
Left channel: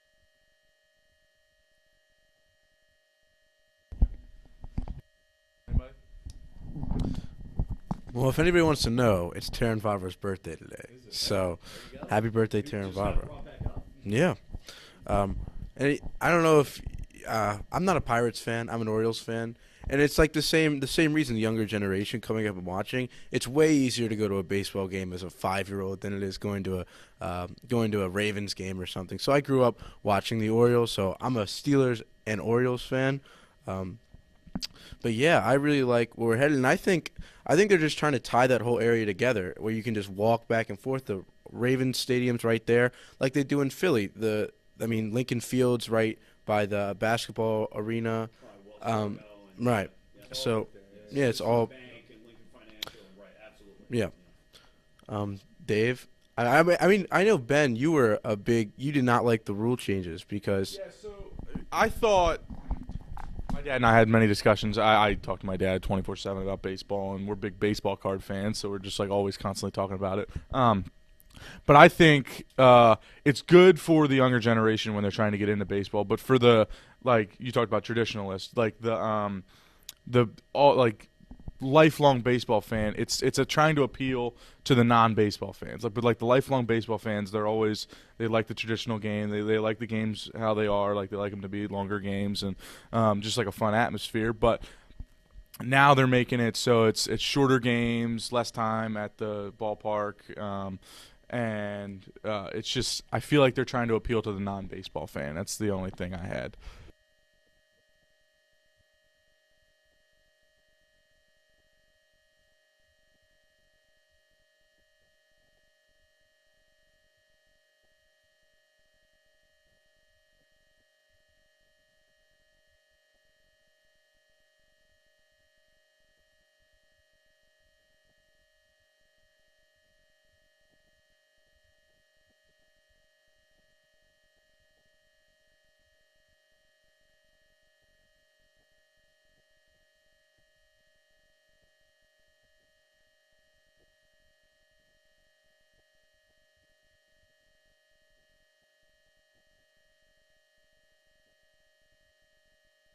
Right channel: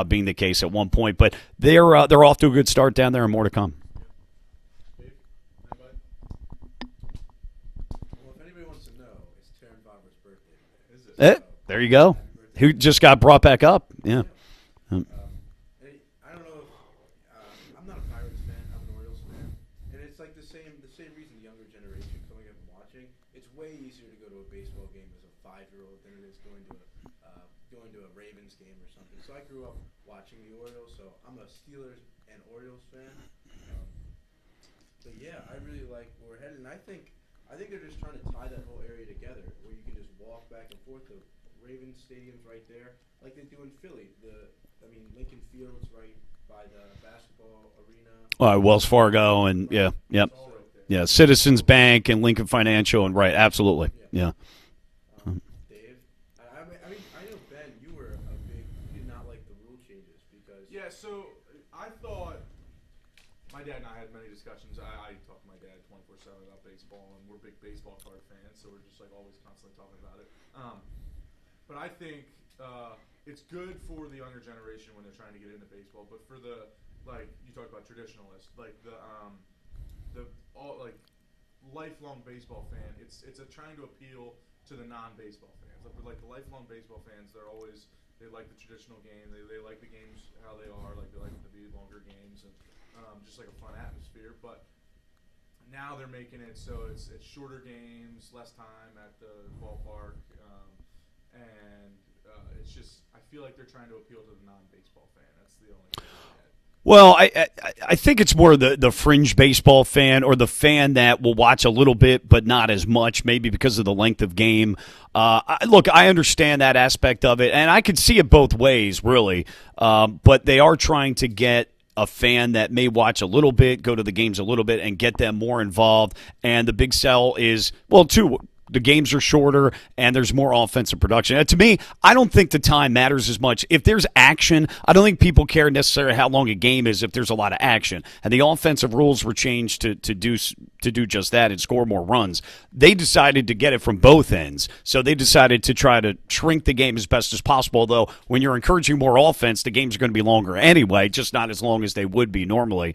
being the case at one point, but they're off to a good start down there, and more to come. Well, if anybody wants to know, it's Taryn Favre's birthday today. So there you go. Happy birthday! Who Taryn just Favre. got brought back up? Yeah. And I don't know if I'm not a Pirates fan. I'm an Orioles fan. And it's like the same reason the younger generation coming up and watching. It's way easier to go to a baseball game as a 5-year-old than it is going to a Ravens game or something. So I grew up watching the Orioles, so I'm a Steelers and Orioles fan. But yeah, I really like where we're headed, and I think they're just trying to tie that whole area together, where you can just walk back and forth. The Ravens stadium's right there, like they do in Philly. Lincoln Field's right by the basketball arena. Wells Fargo and right. yeah, yep. So Citizens Bank and Lincoln Financial and right, absolutely. Yeah. Dave, I mean, I know Ben, you did not like the rule changes because. Yeah, so I thought my dad and I had many discussions. I talked to my dad 24/7 about baseball, and we're big baseball card fans, so we're just like always constantly talking about it. But I think it's good for the younger generation when they're trying to get into baseball. But for the, like you talked about traditionalists, like lifelong baseball fan, it's trying to appeal to the non-baseball fans. But the lifelong baseball fans, they like the traditional game. They like the games how they are. Like they like them to be longer games and just like a fun atmosphere. But now they're making it so it's shorter games, less time at the ballpark. And it's just I feel like they're trying to appeal to the non-baseball fan. That's the only thing I had. Well, I think it's more the fringe baseball fan or the fan that will watch a little bit but not as much, maybe because of the length of game. Look, I understand that aspect of it, and I could see it both ways, really. But they are trying to get a fan that may watch a little bit, go to the games a little bit, and get them more involved. And the big sell is, well, the games are shorter, and there's more offensive production. And to me, I don't think the time matters as much. If there's action, I don't think people care necessarily how long a game is if there's a lot of action. And the offensive rules were changed to do just that and score more runs. They decided to get it from both ends. So they decided to try to shrink the game as best as possible, though when you're encouraging more offense, the games are going to be longer anyway, just not as long as they would be normally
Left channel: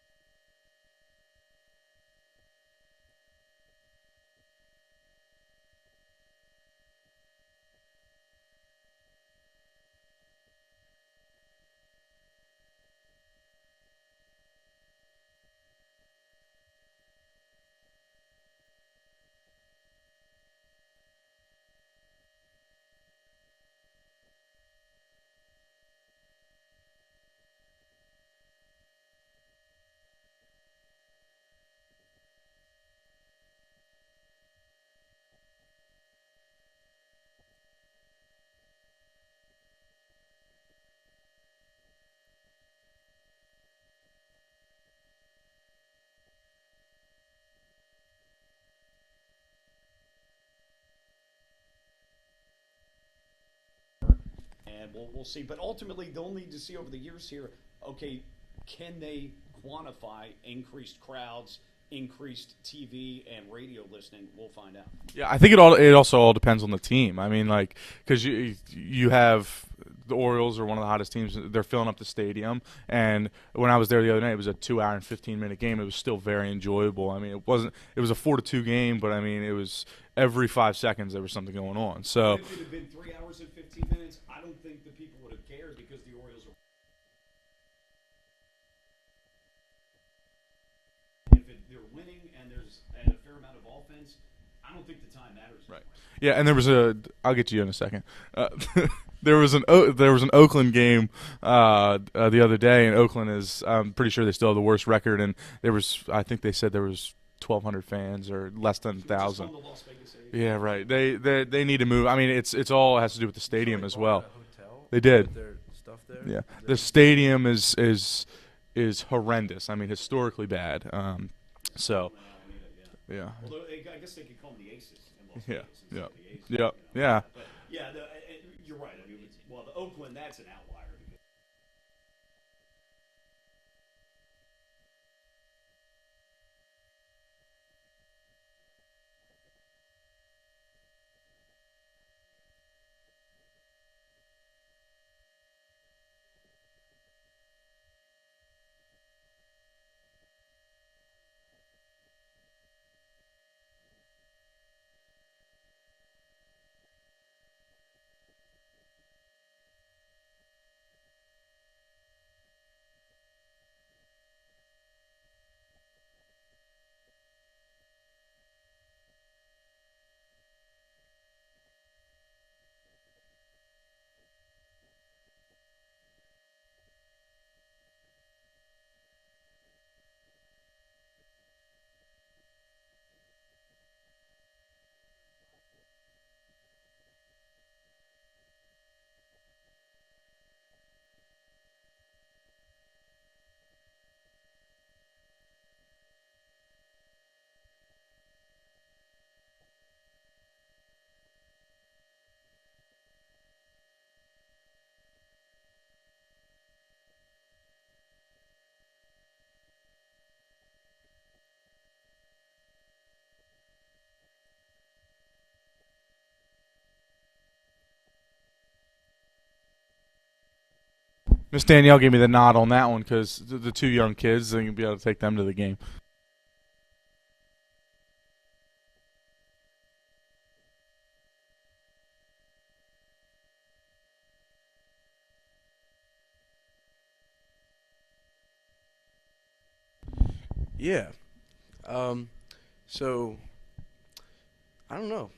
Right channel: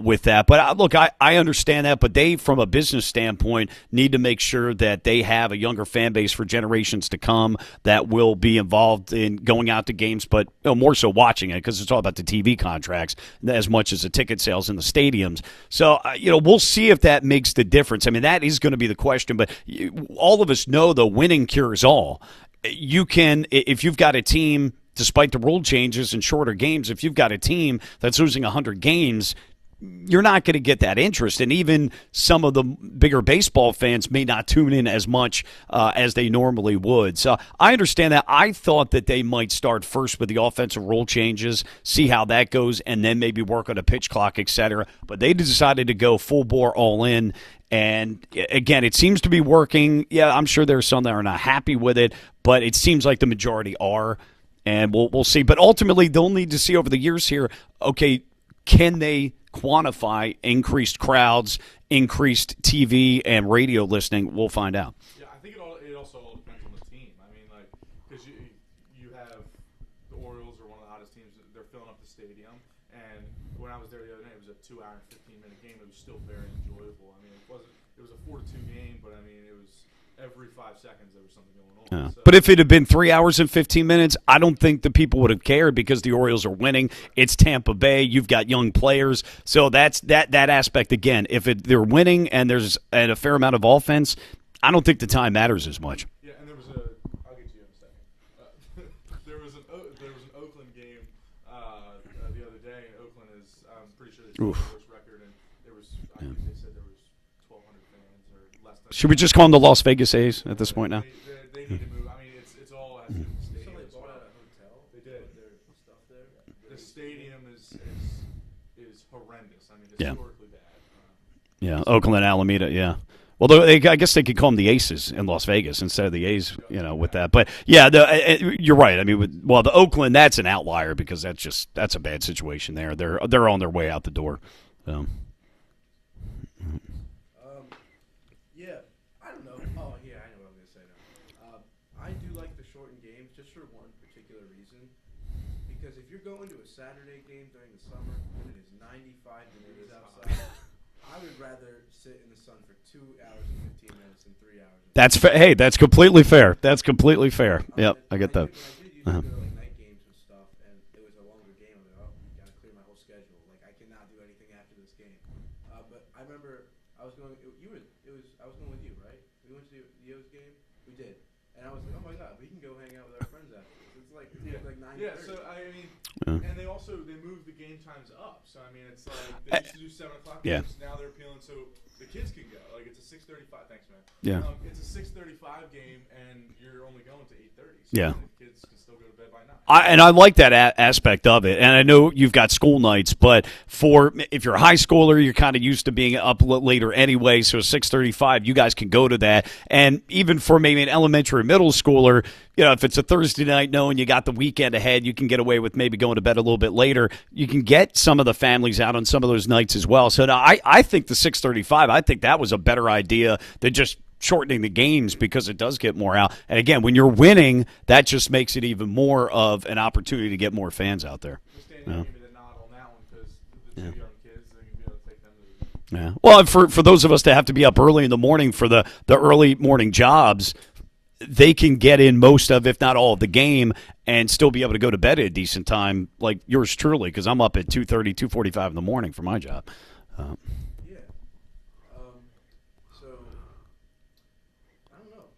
with that. But look, I understand that, but they, from a business standpoint, need to make sure that they have a younger fan base for generations to come that will be involved in going out to games, but more so watching it because it's all about the TV contracts as much as the ticket sales in the stadiums. So, we'll see if that makes the difference. I mean, that is going to be the question, but all of us know the winning cures all. You can, if you've got a team, despite the rule changes and shorter games, if you've got a team that's losing 100 games, you're not going to get that interest. And even some of the bigger baseball fans may not tune in as much as they normally would. So I understand that. I thought that they might start first with the offensive rule changes, see how that goes, and then maybe work on a pitch clock, et cetera. But they decided to go full bore all in. And, again, it seems to be working. Yeah, I'm sure there are some that are not happy with it, but it seems like the majority are. And we'll see. But ultimately, they'll need to see over the years here, okay, can they quantify increased crowds, increased TV and radio listening? We'll find out. Yeah, I think it also all depends on the team. I mean, like, because you have the Orioles are one of the hottest teams. They're filling up the stadium. And when I was there the other night, it was a 2-hour and 15-minute game. It was still very enjoyable. I mean, it was a 4-2 game, but I mean, it was every 5 seconds there was something going on. Yeah. So, but if it had been 3 hours and 15 minutes, I don't think the people would have cared because the Orioles are winning. It's Tampa Bay. You've got young players. So that's that aspect again. If they're winning and there's a fair amount of offense, I don't think the time matters as much. Yeah, and there was I'll get to you in a second. There was an Oakland game the other day, and Oakland is I'm pretty sure they still have the worst record, and I think they said there was 1,200 fans or less than. Should we just call them the Las Vegas A's at this point? They need to move. I mean, it's all has to do with the stadium as well. They did. Yeah, the stadium is horrendous. I mean, historically bad. Yeah, so, Oakland, Alameda, yeah. Well, I guess they could call them the Aces in Las Vegas instead of the A's, with that. But, yeah, you're right. I mean, the Oakland, that's an outlier because that's a bad situation there. They're on their way out the door. So. Yeah, I don't know. Oh, yeah, I know what I'm going to say now. I do like the shortened games just for one particular reason. Because if you're going to a Saturday game during the summer and it's 95 degrees outside, I would rather sit in the sun for 2 hours and 15 minutes than 3 hours. Hey, that's completely fair. That's completely fair. Yep, I get that. When I did used to go to like night games and stuff, and it was a longer game. I'm like, oh, gotta clear my whole schedule. Like, I cannot do anything after this game. But I remember I was going. I was going with you, right? We went to the O's game. We did, and I was like, oh my god, we can go hang out with our friends after this. It's like 9:30. Yeah. So I mean, and they moved the game times up. So I mean, it's like they used to do 7 o'clock games. Now they're appealing so the kids can go. Like it's a 6:35. Thanks, man. Yeah. It's a 6:35 game, and you're only going to 8:30. So yeah. The kids can still go to bed by 9. I like that aspect of it, and I know you've got school nights, but if you're a high schooler, you're kind of used to being up later anyway. So 6:35, you guys can go to that, and even for maybe an elementary or middle schooler, if it's a Thursday night, knowing you got the weekend ahead, you can get away with maybe going to bed a little bit later. You can get some of the families out on some of those nights as well. So now I think the 6:35, I think that was a better idea than just shortening the games because it does get more out. And again, when you're winning, that just makes it even more of an opportunity to get more fans out there. Miss Danielle gave me the nod on that one because the 2 young kids, they're going to be able to take them to the game. Yeah. Well, for those of us that have to be up early in the morning for the early morning jobs, they can get in most of, if not all of the game and still be able to go to bed at a decent time like yours truly because I'm up at 2:30, 2:45 in the morning for my job. Yeah. So I don't know.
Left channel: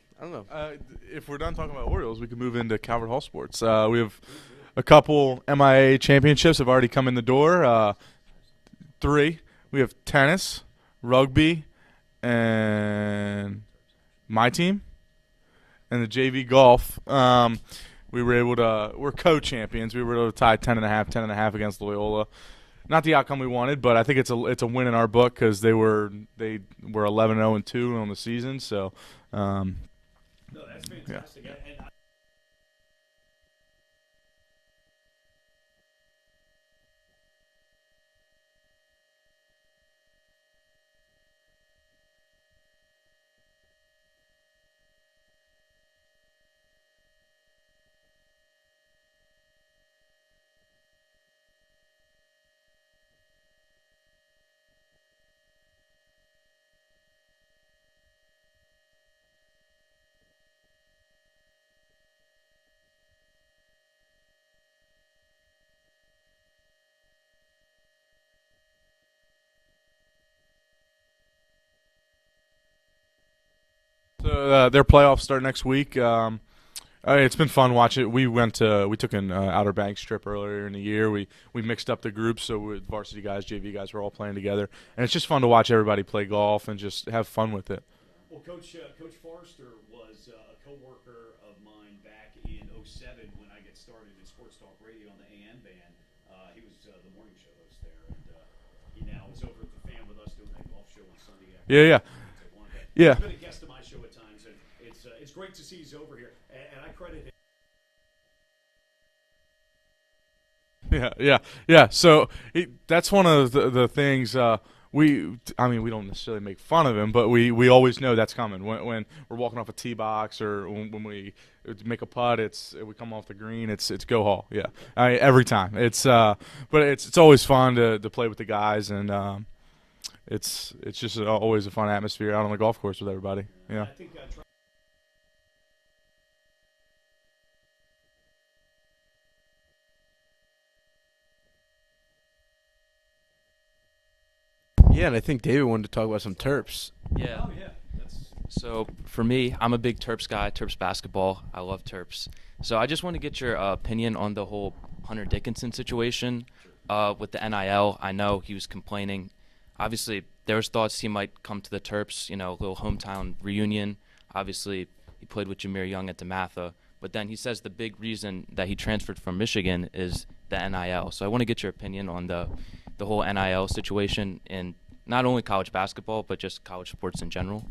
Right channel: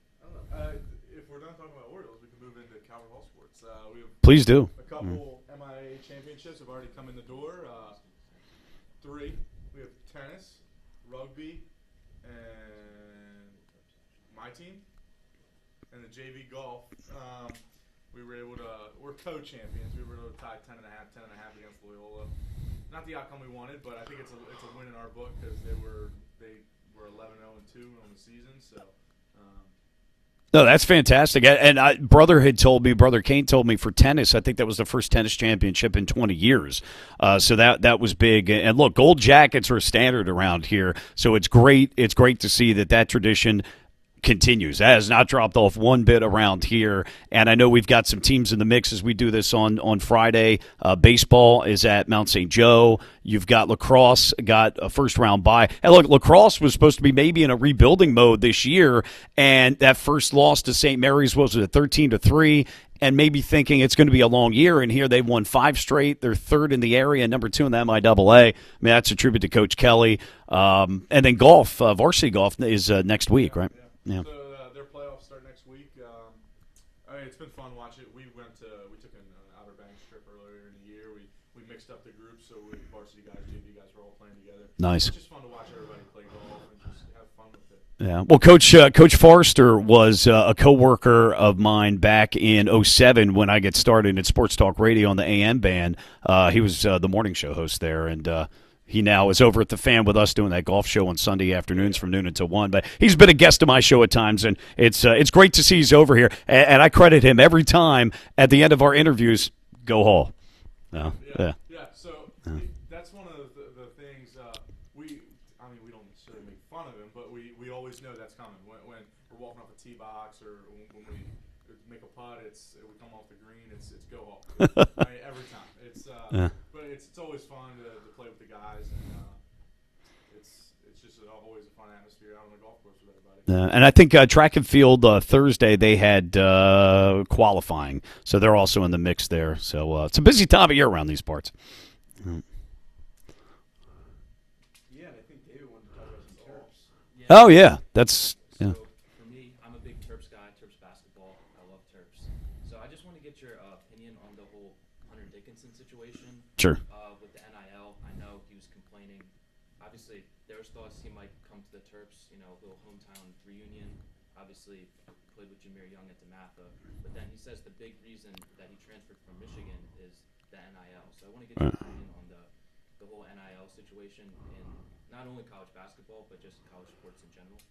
If we're done talking about Orioles, we can move into Calvert Hall sports. We have Please do. A couple MIA championships have already come in the door. 3. We have tennis, rugby, and my team, and the JV golf. We were able to. We're co-champions. We were able to tie 10.5 against Loyola. Not the outcome we wanted, but I think it's a win in our book because they were 11-0-2 on the season. So. No, that's fantastic. And Brother Kane told me for tennis, I think that was the first tennis championship in 20 years. So that was big. And look, gold jackets are a standard around here. So it's great. It's great to see that tradition continues. That has not dropped off one bit around here. And I know we've got some teams in the mix as we do this on Friday. Baseball is at Mount St. Joe. You've got lacrosse, got a first-round bye. And look, lacrosse was supposed to be maybe in a rebuilding mode this year, and that first loss to St. Mary's was at 13-3, and maybe thinking it's going to be a long year. And here they've won 5 straight. They're 3rd in the area, number 2 in the MIAA. I mean, that's a tribute to Coach Kelly. And then golf, varsity golf is next week, right? Yeah. So, their playoffs start next week. It's been fun watching. We took an Outer Banks trip earlier in the year. We mixed up the groups, so with varsity guys, JV guys, were all playing together. Nice. And it's just fun to watch everybody play golf and just have fun with it. Yeah. Well, Coach Forrester was a coworker of mine back in '07 when I got started at Sports Talk Radio on the AM band. He was the morning show host there, and he now is over at the Fan with us doing that golf show on Sunday afternoons from noon until 1. But he's been a guest of my show at times, and it's great to see he's over here. And I credit him every time at the end of our interviews. Go Hall. Yeah. So that's one of the things. We don't necessarily make fun of him, but we always know that's coming when we're walking off a tee box or when we make a putt. We come off the green. It's Go Hall. Yeah, every time. But it's always fun to play with the guys, and it's just always a fun atmosphere out on the golf course with everybody. And I think track and field Thursday they had qualifying, so they're also in the mix there. So it's a busy time of year around these parts. Yeah, and I think David wanted to talk about some Terps. Yeah. Oh, yeah. For me, I'm a big Terps guy, Terps basketball. I love Terps. So I just want to get your opinion on the whole Hunter Dickinson situation. Sure. With the NIL, I know he was complaining. Obviously, there was thoughts he might come to the Terps, a little hometown reunion. Obviously, he played with Jameer Young at DeMatha. But then he says the big reason that he transferred from Michigan is the NIL. So I want to get your opinion on the whole NIL situation in not only college basketball, but just college sports in general.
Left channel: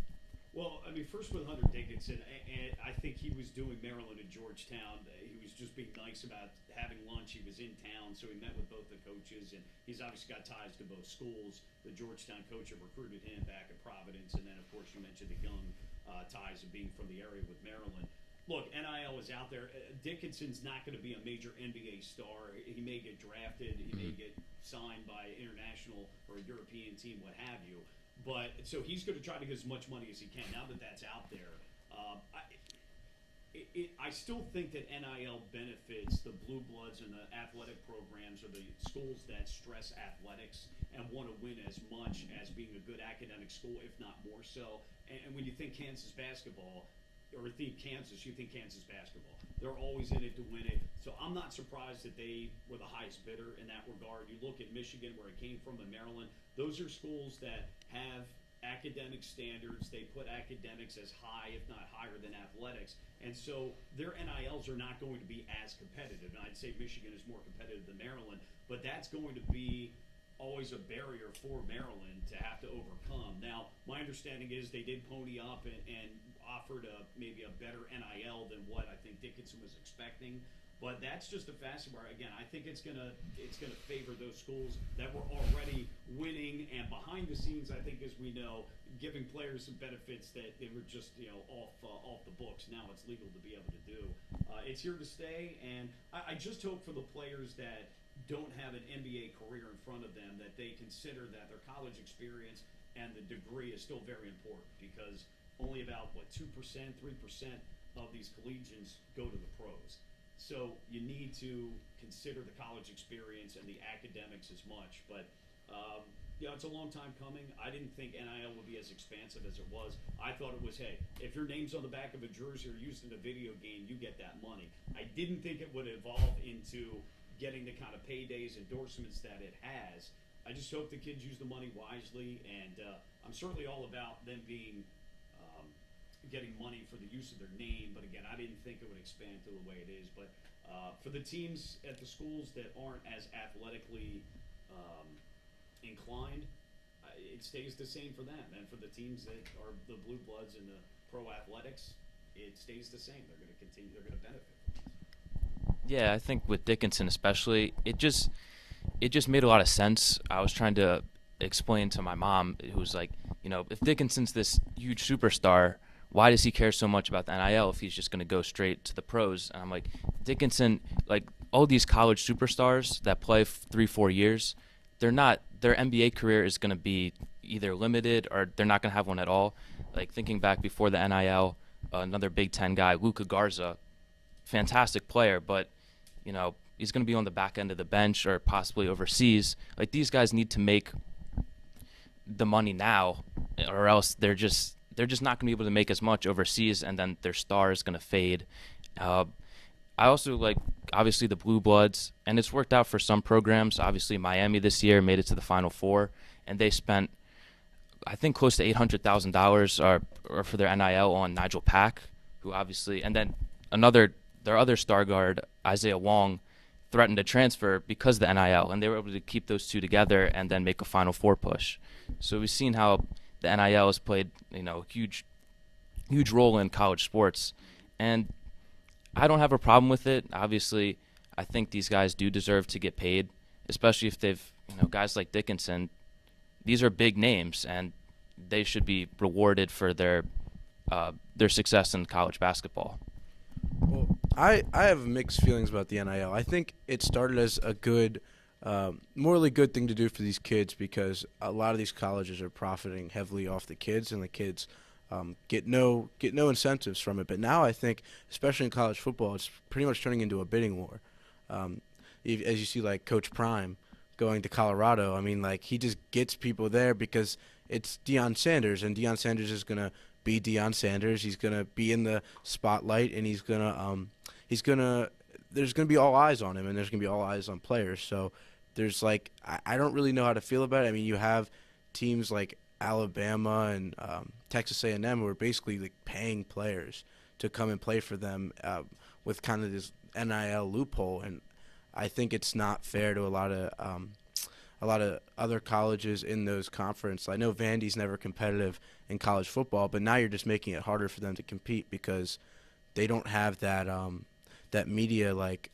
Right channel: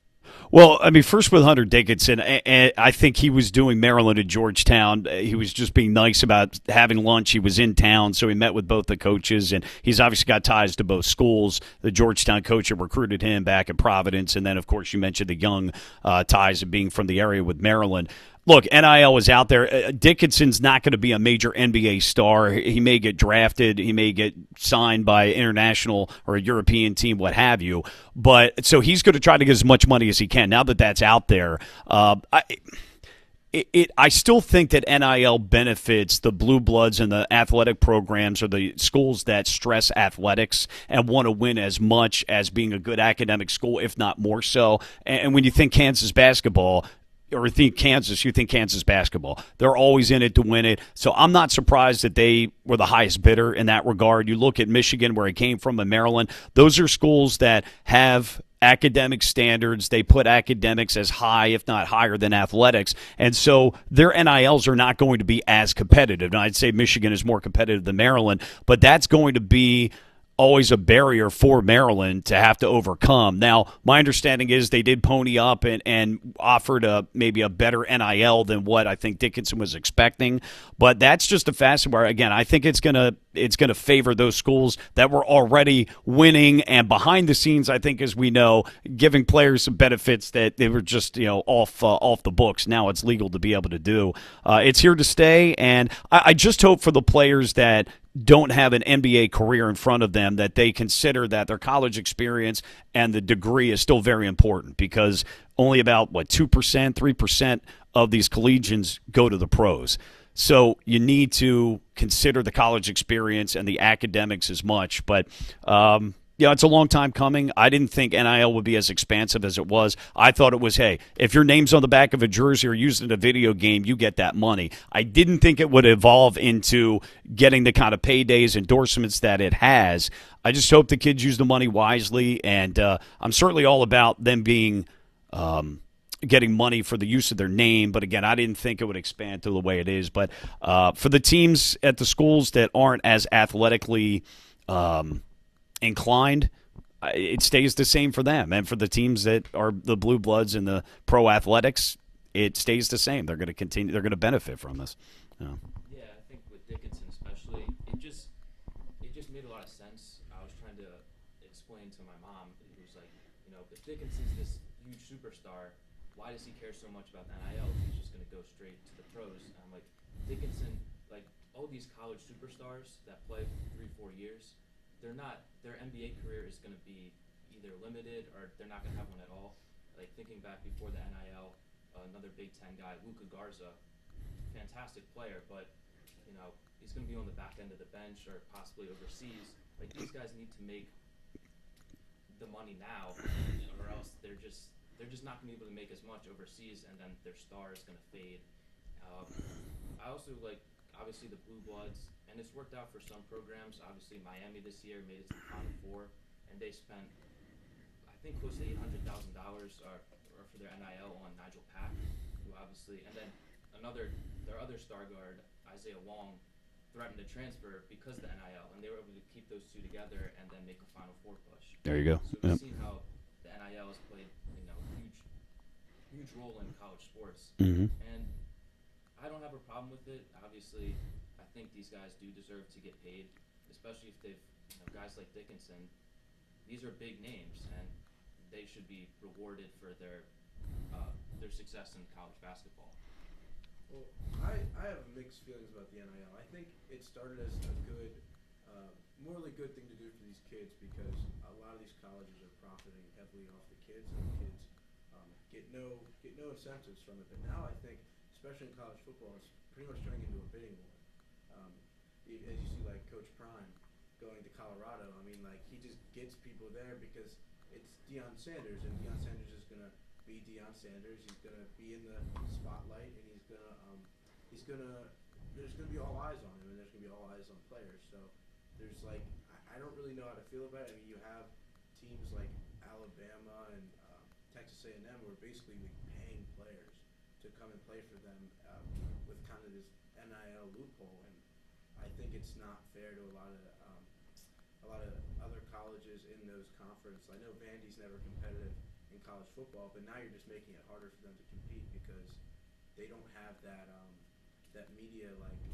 Well, first with Hunter Dickinson, I think he was doing Maryland at Georgetown. He was just being nice about having lunch. He was in town, so he met with both the coaches, and he's obviously got ties to both schools. The Georgetown coach had recruited him back at Providence, and then, of course, you mentioned the Young ties of being from the area with Maryland. Look, NIL is out there. Dickinson's not going to be a major NBA star. He may get drafted. He may get signed by an international or a European team, what have you. But so he's going to try to get as much money as he can. Now that that's out there, I still think that NIL benefits the blue bloods and the athletic programs or the schools that stress athletics and want to win as much as being a good academic school, if not more so. And when you think Kansas basketball, or you think Kansas basketball. They're always in it to win it. So I'm not surprised that they were the highest bidder in that regard. You look at Michigan, where he came from, and Maryland. Those are schools that have academic standards. They put academics as high, if not higher, than athletics. And so their NILs are not going to be as competitive. Now, I'd say Michigan is more competitive than Maryland, but that's going to be always a barrier for Maryland to have to overcome. Now, my understanding is they did pony up and offered maybe a better NIL than what I think Dickinson was expecting. But that's just a facet where, again, I think it's gonna favor those schools that were already winning and behind the scenes, I think, as we know, giving players some benefits that they were just off the books. Now it's legal to be able to do. It's here to stay, and I just hope for the players that don't have an NBA career in front of them that they consider that their college experience and the degree is still very important, because only about 2%, 3% of these collegians go to the pros. So you need to consider the college experience and the academics as much. But it's a long time coming. I didn't think NIL would be as expansive as it was. I thought it was, hey, if your name's on the back of a jersey or used in a video game, you get that money. I didn't think it would evolve into getting the kind of paydays, endorsements that it has. I just hope the kids use the money wisely, and I'm certainly all about them being getting money for the use of their name. But, again, I didn't think it would expand to the way it is. But for the teams at the schools that aren't as athletically inclined, it stays the same for them. And for the teams that are the blue bloods and the pro athletics, it stays the same. They're going to continue. They're going to benefit from this. Yeah, I think with Dickinson especially, it just made a lot of sense. I was trying to explain to my mom, who was like, if Dickinson's this huge superstar, why does he care so much about the NIL if he's just going to go straight to the pros? And I'm like, Dickinson, like all these college superstars that play 3-4 years, their NBA career is going to be either limited or they're not going to have one at all. Like thinking back before the NIL, another Big Ten guy, Luka Garza, fantastic player, but he's going to be on the back end of the bench or possibly overseas. Like these guys need to make the money now, or else they're just not going to be able to make as much overseas, and then their star is going to fade. Uh, I also like obviously the Blue Bloods, and it's worked out for some programs. Obviously, Miami this year made it to the Final Four, and they spent I think close to $800,000 or for their NIL on Nigel Pack, who obviously, and then their other star guard Isaiah Wong threatened to transfer because of the NIL, and they were able to keep those two together and then make a Final Four push. There you go. So we've seen how the NIL has played, huge role in college sports, and I don't have a problem with it. Obviously, I think these guys do deserve to get paid, especially if they've, guys like Dickinson. These are big names, and they should be rewarded for their success in college basketball. Well, I have mixed feelings about the NIL. I think it started as a good, morally good thing to do for these kids because a lot of these colleges are profiting heavily off the kids, and the kids get no incentives from it. But now I think, especially in college football, it's pretty much turning into a bidding war. As you see, like Coach Prime going to Colorado, I mean, like he just gets people there because it's Deion Sanders, and Deion Sanders is gonna be Deion Sanders. He's gonna be in the spotlight, and there's gonna be all eyes on him, and there's gonna be all eyes on players. So there's like I don't really know how to feel about it. I mean, you have teams like Alabama and Texas A&M who are basically like paying players to come and play for them with kind of this NIL loophole, and I think it's not fair to a lot of other colleges in those conferences. I know Vandy's never competitive in college football, but now you're just making it harder for them to compete because they don't have that media, like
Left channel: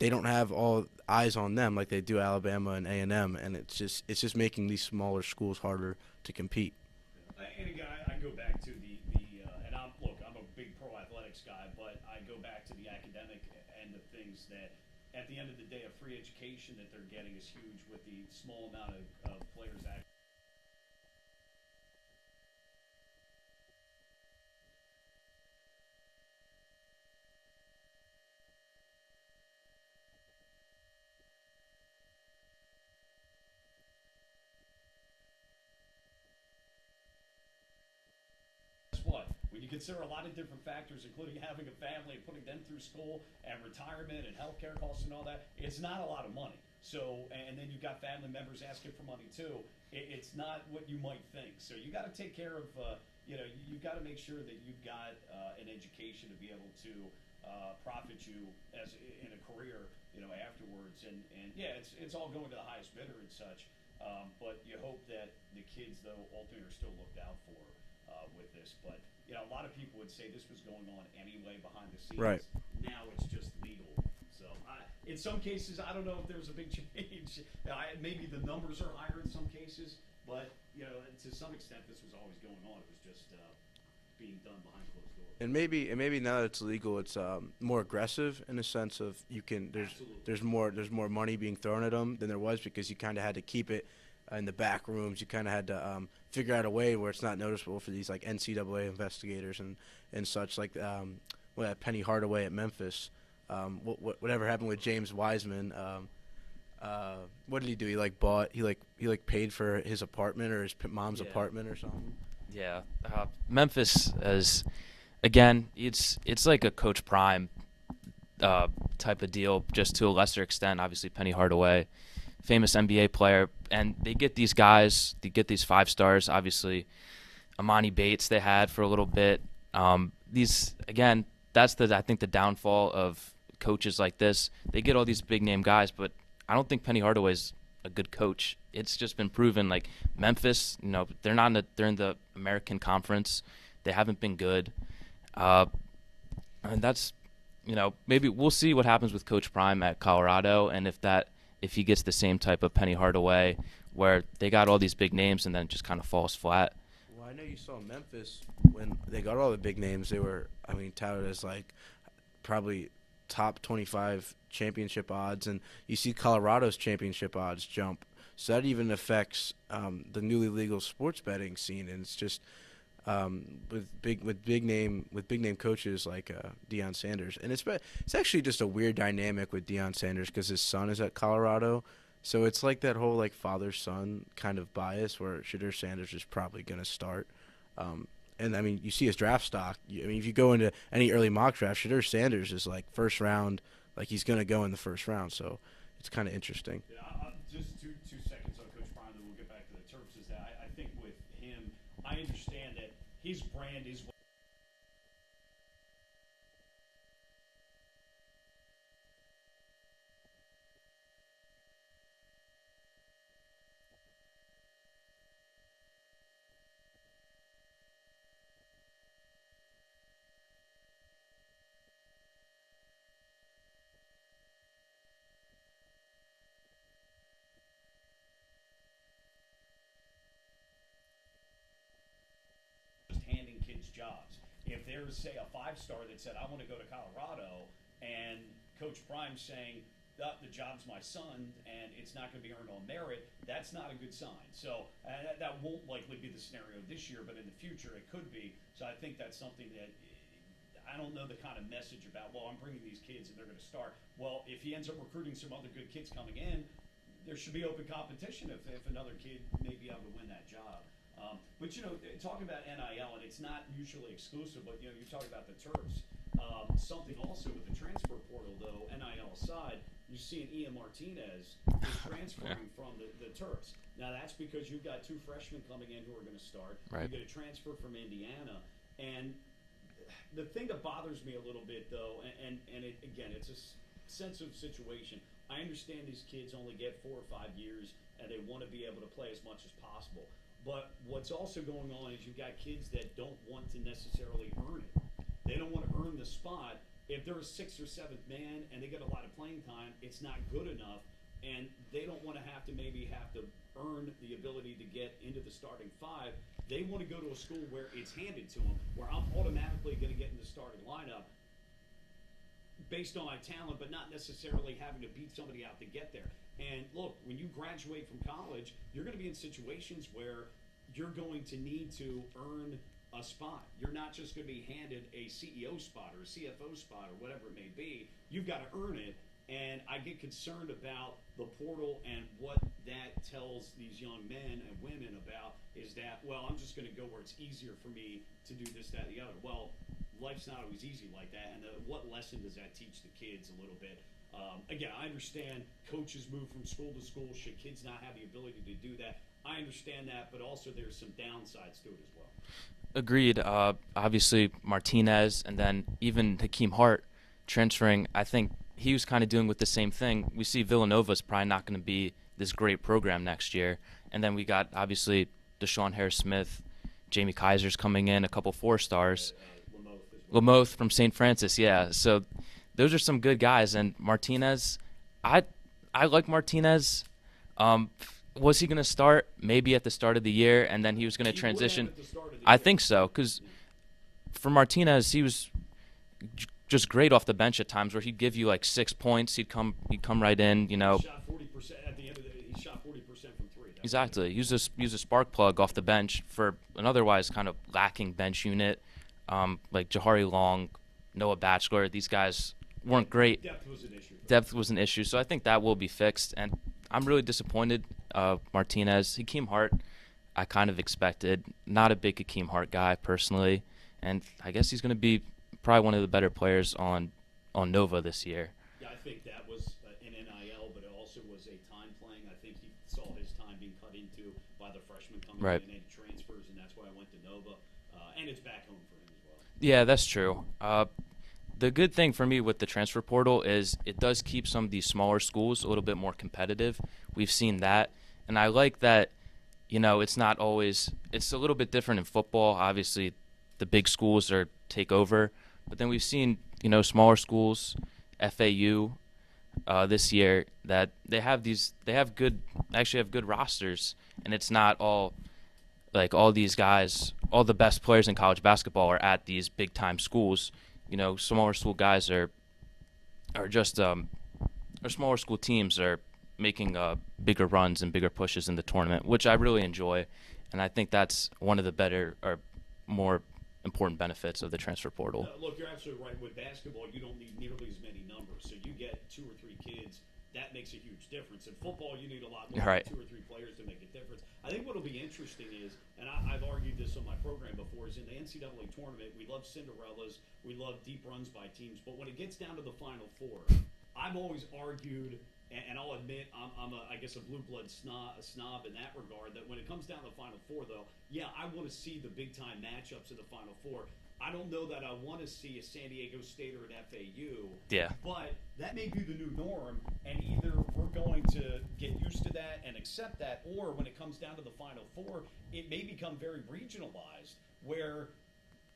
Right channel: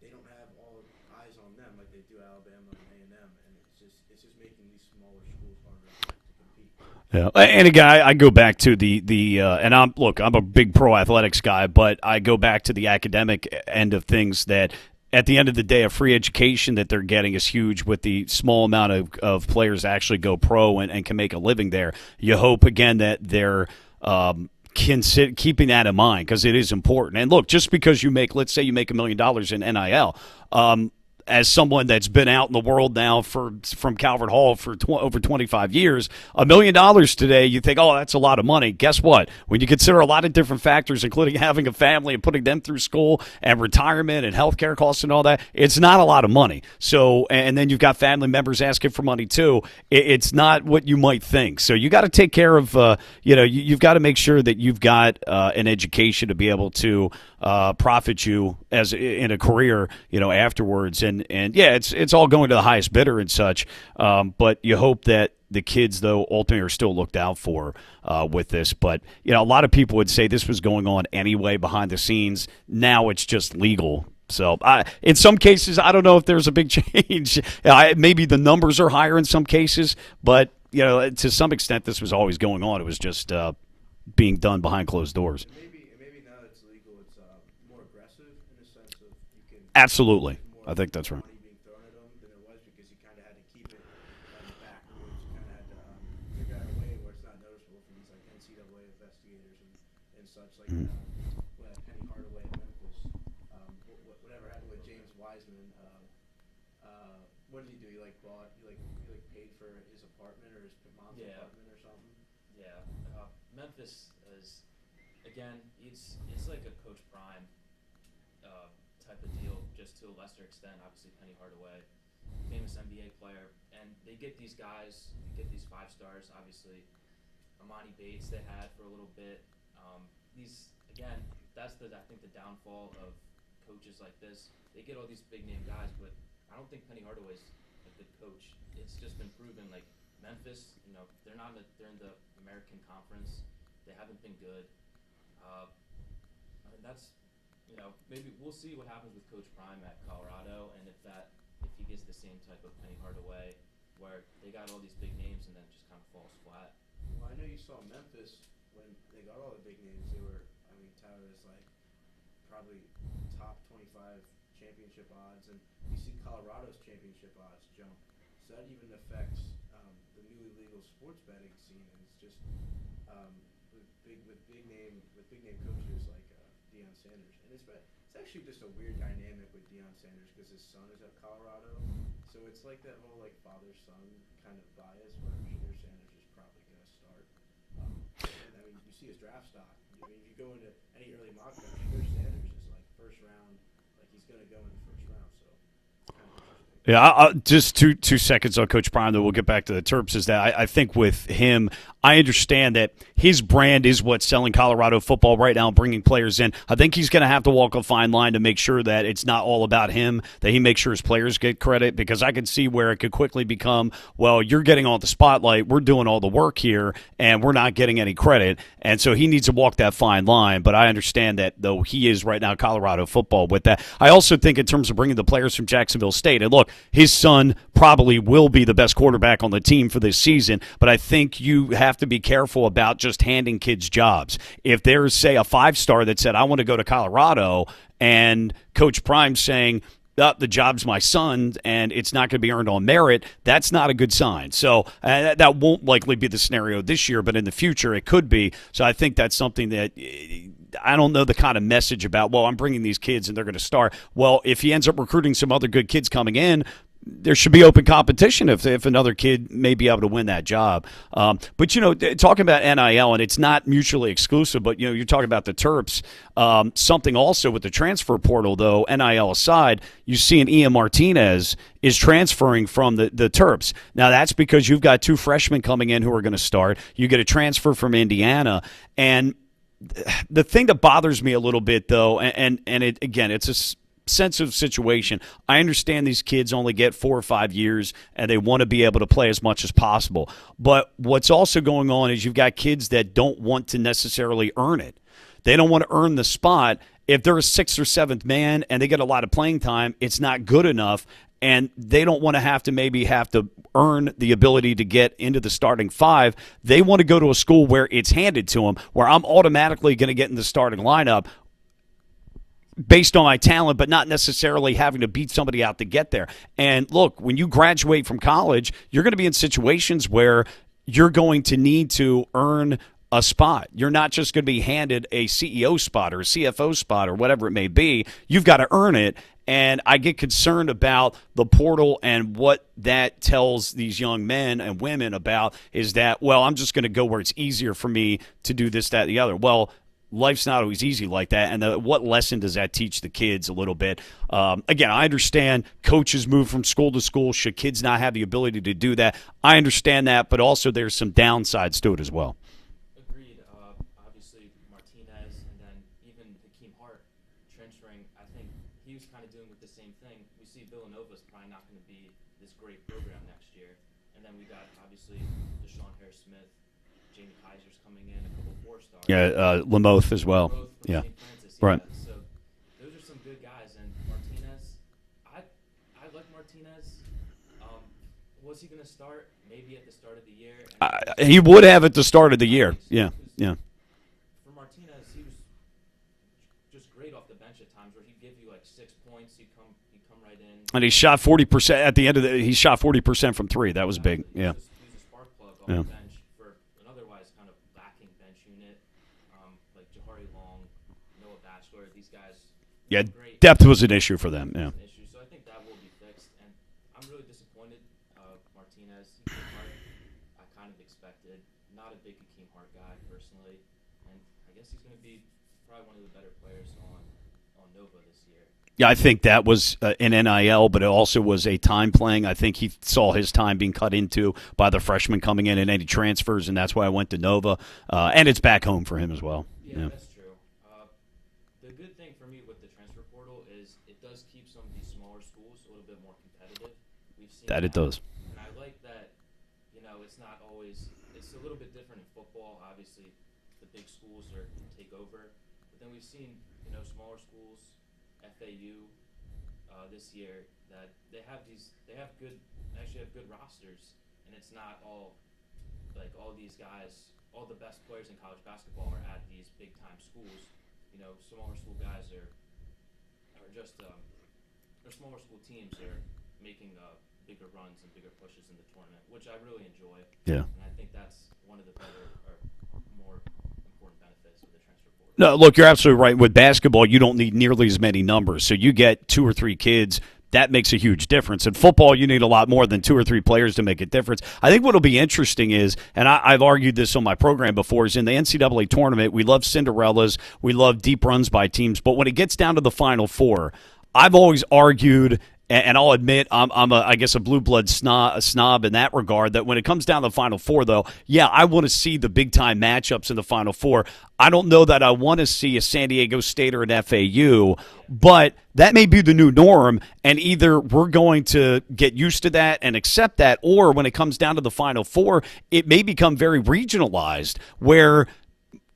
they don't have all eyes on them like they do Alabama and A&M, and it's just making these smaller schools harder to compete. Yeah, and again, I go back to and I'm a big pro athletics guy, but I go back to the academic end of things that. At the end of the day, a free education that they're getting is huge with the small amount of players that actually go pro and can make a living there. You hope, again, that they're keeping that in mind because it is important. And look, just because let's say you make $1 million in NIL, as someone that's been out in the world now from Calvert Hall for over 25 years, $1 million today, you think, oh, that's a lot of money. Guess what? When you consider a lot of different factors, including having a family and putting them through school and retirement and healthcare costs and all that, it's not a lot of money. So, and then you've got family members asking for money too. It's not what you might think. So you got to take care of, you've got to make sure that you've got an education to be able to profit you as in a career, afterwards. And yeah, it's all going to the highest bidder and such. But you hope that the kids, though, ultimately are still looked out for with this. But, a lot of people would say this was going on anyway behind the scenes. Right. Now it's just legal. So in some cases, I don't know if there's a big change. Maybe the numbers are higher in some cases. But, to some extent, this was always going on. It was just being done behind closed doors. And maybe now that it's legal, it's more aggressive in the sense of you can absolutely. There's more, I think that's money right. being thrown at them than there was because you kind of had to keep it in the back rooms. You kind of had to figure out a way where it's not noticeable for these like NCAA investigators and such. Like Penny Hardaway at Memphis. Whatever happened with James Wiseman? What did he do? He paid for his apartment or his mom's apartment or something. Yeah, Memphis is, again, it's like a Coach Prime type of deal, just to a lesser extent. Obviously, Penny Hardaway, famous NBA player, and they get these guys, they get these 5 stars. Obviously, Amani Bates they had for a little bit. These again, that's I think the downfall of coaches like this. They get all these big name guys, but I don't think Penny Hardaway's a good coach. It's just been proven. Like Memphis, they're in the American Conference. They haven't been good, and that's, maybe we'll see what happens with Coach Prime at Colorado, and if he gets the same type of Penny Hardaway, where they got all these big names and then just kind of falls flat. Well, I know you saw Memphis when they got all the big names. They were, touted as like probably top 25 championship odds, and you see Colorado's championship odds jump. So that even affects the newly legal sports betting scene, and it's just with big name coaches like Deion Sanders, and it's actually just a weird dynamic with Deion Sanders because his son is at Colorado, so it's like that whole like father-son kind of bias where Shadur Sanders is probably going to start And I mean, you see his draft stock. I mean, if you go into any early mock draft, Shedeur Sanders is like first round, like he's going to go in the first round. So it's kind of interesting. Yeah, just two seconds on Coach Prime, then we'll get back to the Terps. Is that I think with him, I understand that his brand is what's selling Colorado football right now, bringing players in. I think he's going to have to walk a fine line to make sure that it's not all about him, that he makes sure his players get credit, because I can see where it could quickly become, well, you're getting all the spotlight, we're doing all the work here, and we're not getting any credit. And so he needs to walk that fine line. But I understand that, though, he is right now Colorado football with that. I also think in terms of bringing the players from Jacksonville State, and look, his son probably will be the best quarterback on the team for this season, but I think you have to be careful about just handing kids jobs. If there's, say, a 5-star that said, I want to go to Colorado, and Coach Prime saying, the job's my son's and it's not going to be earned on merit, that's not a good sign. So that won't likely be the scenario this year, but in the future it could be. So I think that's something that I don't know the kind of message about, well, I'm bringing these kids and they're going to start. Well, if he ends up recruiting some other good kids coming in, there should be open competition if another kid may be able to win that job. But, talking about NIL, and it's not mutually exclusive, but, you're talking about the Terps. Something also with the transfer portal, though, NIL aside, you see an Ian Martinez is transferring from the Terps. Now, that's because you've got 2 freshmen coming in who are going to start. Right. You get a transfer from Indiana. And the thing that bothers me a little bit, though, and it's a sensitive situation. I understand these kids only get 4 or 5 years and they want to be able to play as much as possible. But what's also going on is you've got kids that don't want to necessarily earn it. They don't want to earn the spot. If they're a 6th or 7th man and they get a lot of playing time, it's not good enough, and they don't want to have to earn the ability to get into the starting 5. They want to go to a school where it's handed to them, where I'm automatically going to get in the starting lineup based on my talent, but not necessarily having to beat somebody out to get there. And look, when you graduate from college, you're going to be in situations where you're going to need to earn a spot. You're not just going to be handed a CEO spot or a CFO spot or whatever it may be. You've got to earn it. And I get concerned about the portal and what that tells these young men and women about is that, well, I'm just going to go where it's easier for me to do this, that, and the other. Well, life's not always easy like that, and what lesson does that teach the kids a little bit? Again, I understand coaches move from school to school. Should kids not have the ability to do that? I understand that, but also there's some downsides to it as well. Agreed. Obviously, Martinez and then even Hakeem Hart transferring, I think he was kind of doing with the same thing. We see Villanova's probably not going to be this great program next year. And then we got, obviously, Deshaun Harris-Smith, Jamie Kaiser's coming in, a couple 4-stars. Yeah, Lamoth as well. Lamoth from St. Francis, yeah. Right. So those are some good guys. And Martinez, I like Martinez. Was he going to start maybe at the start of the year? And then he would have at the start of the year. I think so, because for Martinez, he was just great off the bench at times, where he'd give you like 6 points. He'd come right in. He shot 40% at the end of he shot 40% from 3. That exactly. was big. He was a spark plug off the bench for an otherwise kind of lacking bench unit, like Jahari Long, Noah Batchelor. These guys weren't great. Depth was an issue for them. Depth was an issue, so I think that will be fixed. And I'm really disappointed. Martinez, Hakeem Hart, I kind of expected. Not a big Hakeem Hart guy personally, and I guess he's going to be probably one of the better players on Nova this year. Yeah, I think that was an NIL, but it also was a time playing. I think he saw his time being cut into by the freshmen coming in and any transfers, and that's why I went to Nova. And it's back home for him as well. Yeah, that's true. The good thing for me with the transfer portal is it does keep some of these smaller schools a little bit more competitive. We've seen that. It does. And I like that, it's not always – it's a little bit different in football. Obviously, the big schools take over. But then we've seen, smaller schools, FAU this year, that they have good rosters, and it's not all these guys, all the best players in college basketball are at these big time schools. Smaller school guys are just or smaller school teams are making bigger runs and bigger pushes in the tournament, which I really enjoy. Yeah. And I think that's one of the better or more important benefits of the transfer portal. No, look, you're absolutely right. With basketball, you don't need nearly as many numbers. So you get 2 or 3 kids that makes a huge difference. In football, you need a lot more than Right. 2 or 3 players to make a difference. I think what will be interesting is, and I've argued this on my program before, is in the NCAA tournament, we love Cinderellas, we love deep runs by teams, but when it gets down to the Final Four, I've always argued, and I'll admit I guess a blue blood snob in that regard, that when it comes down to the Final Four, though, yeah, I want to see the big-time matchups in the Final Four. I don't know that I want to see a San Diego State or an FAU, but that may be the new norm, and either we're going to get used to that and accept that, or when it comes down to the Final Four, it may become very regionalized, where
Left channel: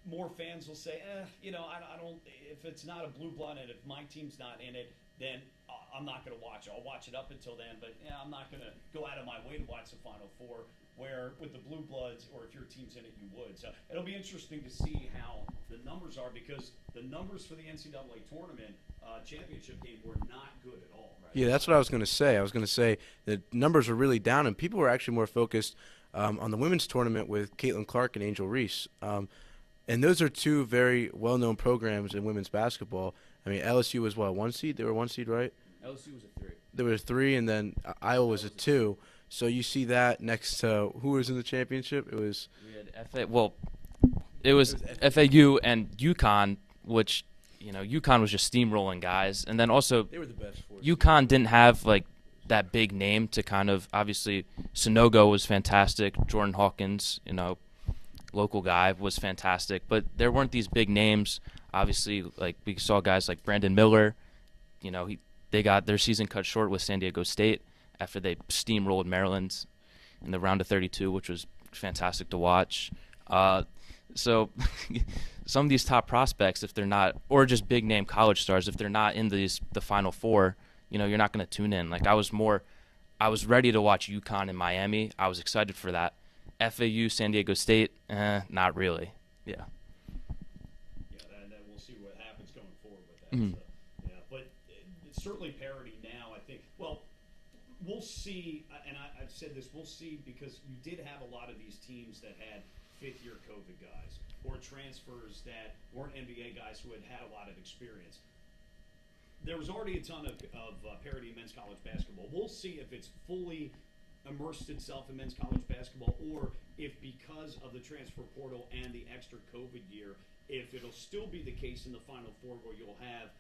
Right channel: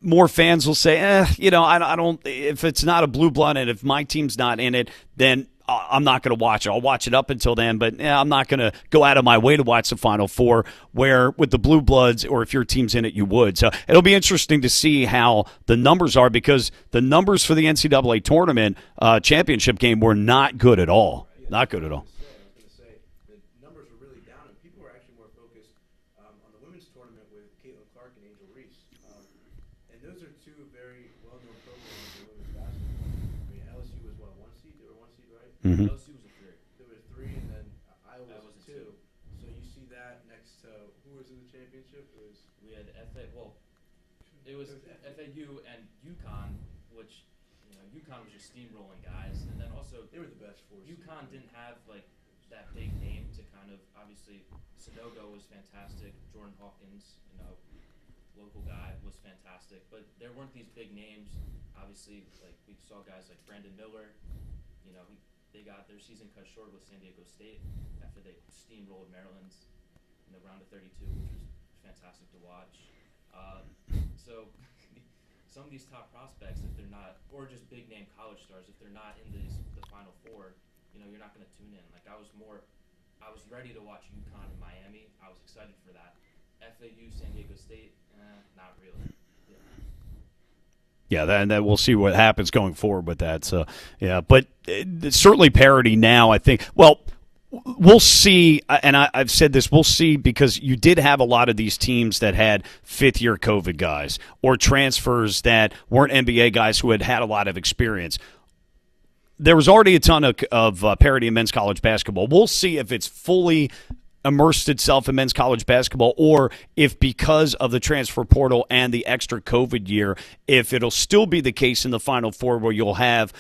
more fans will say, I don't. If it's not a blue blood and if my team's not in it, then I'm not going to watch it. I'll watch it up until then, but I'm not going to go out of my way to watch the Final Four, where with the blue bloods, or if your team's in it, you would. So it'll be interesting to see how the numbers are, because the numbers for the NCAA tournament championship game were not good at all. Yeah, that's what I was going to say. I was going to say the numbers are really down, and people were actually more focused on the women's tournament with Caitlin Clark and Angel Reese. And those are two very well-known programs in women's basketball. I mean, LSU was, what, 1 seed? They were 1 seed, right? Mm-hmm. LSU was a 3. There was 3, and then Iowa was a 2. So you see that next to who was in the championship? It was it was FAU and UConn, which, UConn was just steamrolling guys. And then also they were the best. UConn didn't have, like, that big name to kind of – obviously, Sonogo was fantastic. Jordan Hawkins, local guy, was fantastic, but there weren't these big names. Obviously, like we saw guys like Brandon Miller, they got their season cut short with San Diego State after they steamrolled Maryland in the round of 32, which was fantastic to watch. So some of these top prospects, if they're not, or just big name college stars, if they're not in the Final Four, you're not going to tune in. Like I was ready to watch UConn in Miami. I was excited for that. FAU, San Diego State, not really. Yeah. Yeah, and then we'll see what happens going forward with that. So, yeah, but certainly parity now, I think. Well, we'll see, and I've said this, we'll see, because you did have a lot of these teams that had fifth-year COVID guys or transfers that weren't NBA guys who had a lot of experience. There was already a ton of parity in men's college basketball. We'll see if it's fully immersed itself in men's college basketball, or if because of the transfer portal and the extra COVID year, if it'll still be the case in the Final Four where you'll have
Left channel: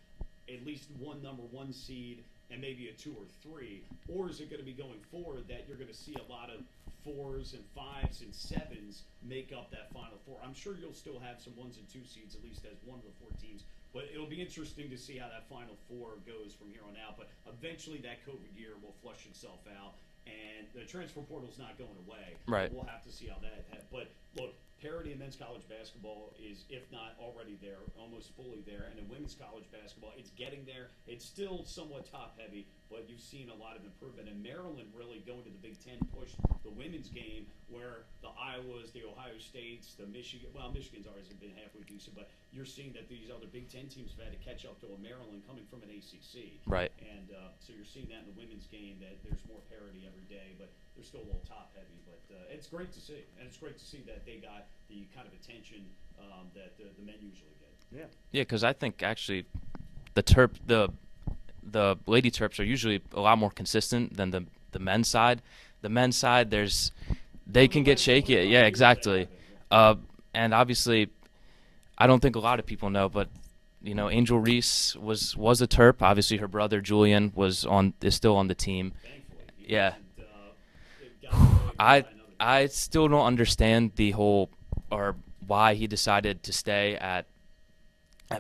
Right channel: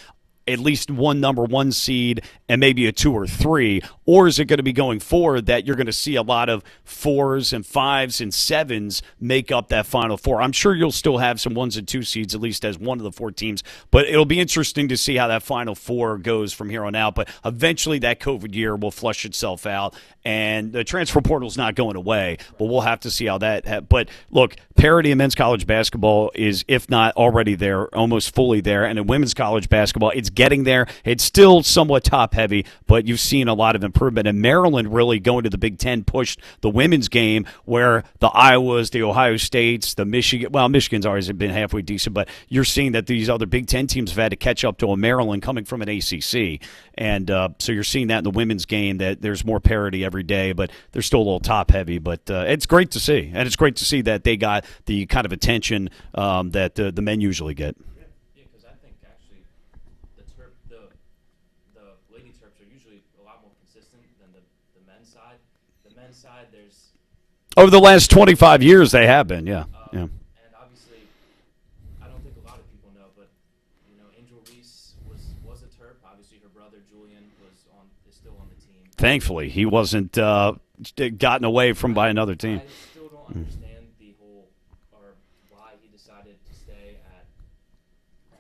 at least one number 1 seed and maybe a 2 or 3, or is it going to be going forward that you're going to see a lot of 4s and 5s and 7s make up that Final Four? I'm sure you'll still have some 1s and 2 seeds, at least as one of the 4 teams, but it'll be interesting to see how that Final Four goes from here on out. But eventually that COVID year will flush itself out, and the transfer portal's not going away. Right. But we'll have to see how that but look, parity in men's college basketball is, if not already there, almost fully there, and in women's college basketball, it's getting there. It's still somewhat top-heavy, but you've seen a lot of improvement. And Maryland really going to the Big Ten pushed the women's game, where the Iowas, the Ohio States, the Michigan – well, Michigan's always been halfway decent, but you're seeing that these other Big Ten teams have had to catch up to a Maryland coming from an ACC. Right. And so you're seeing that in the women's game, that there's more parity every day, but they're still a little top-heavy. But it's great to see, and it's great to see that they got the kind of attention that the men usually get. Yeah, because I think actually the Lady Terps are usually a lot more consistent than the men's side. The men's side, over the last 25 years, exactly. They have been, yeah. And obviously, I don't think a lot of people know, but Angel Reese was a Terp. Obviously, her brother Julian is still on the team. Thankfully, he wasn't gotten away from by another team. I still don't understand why he decided to stay at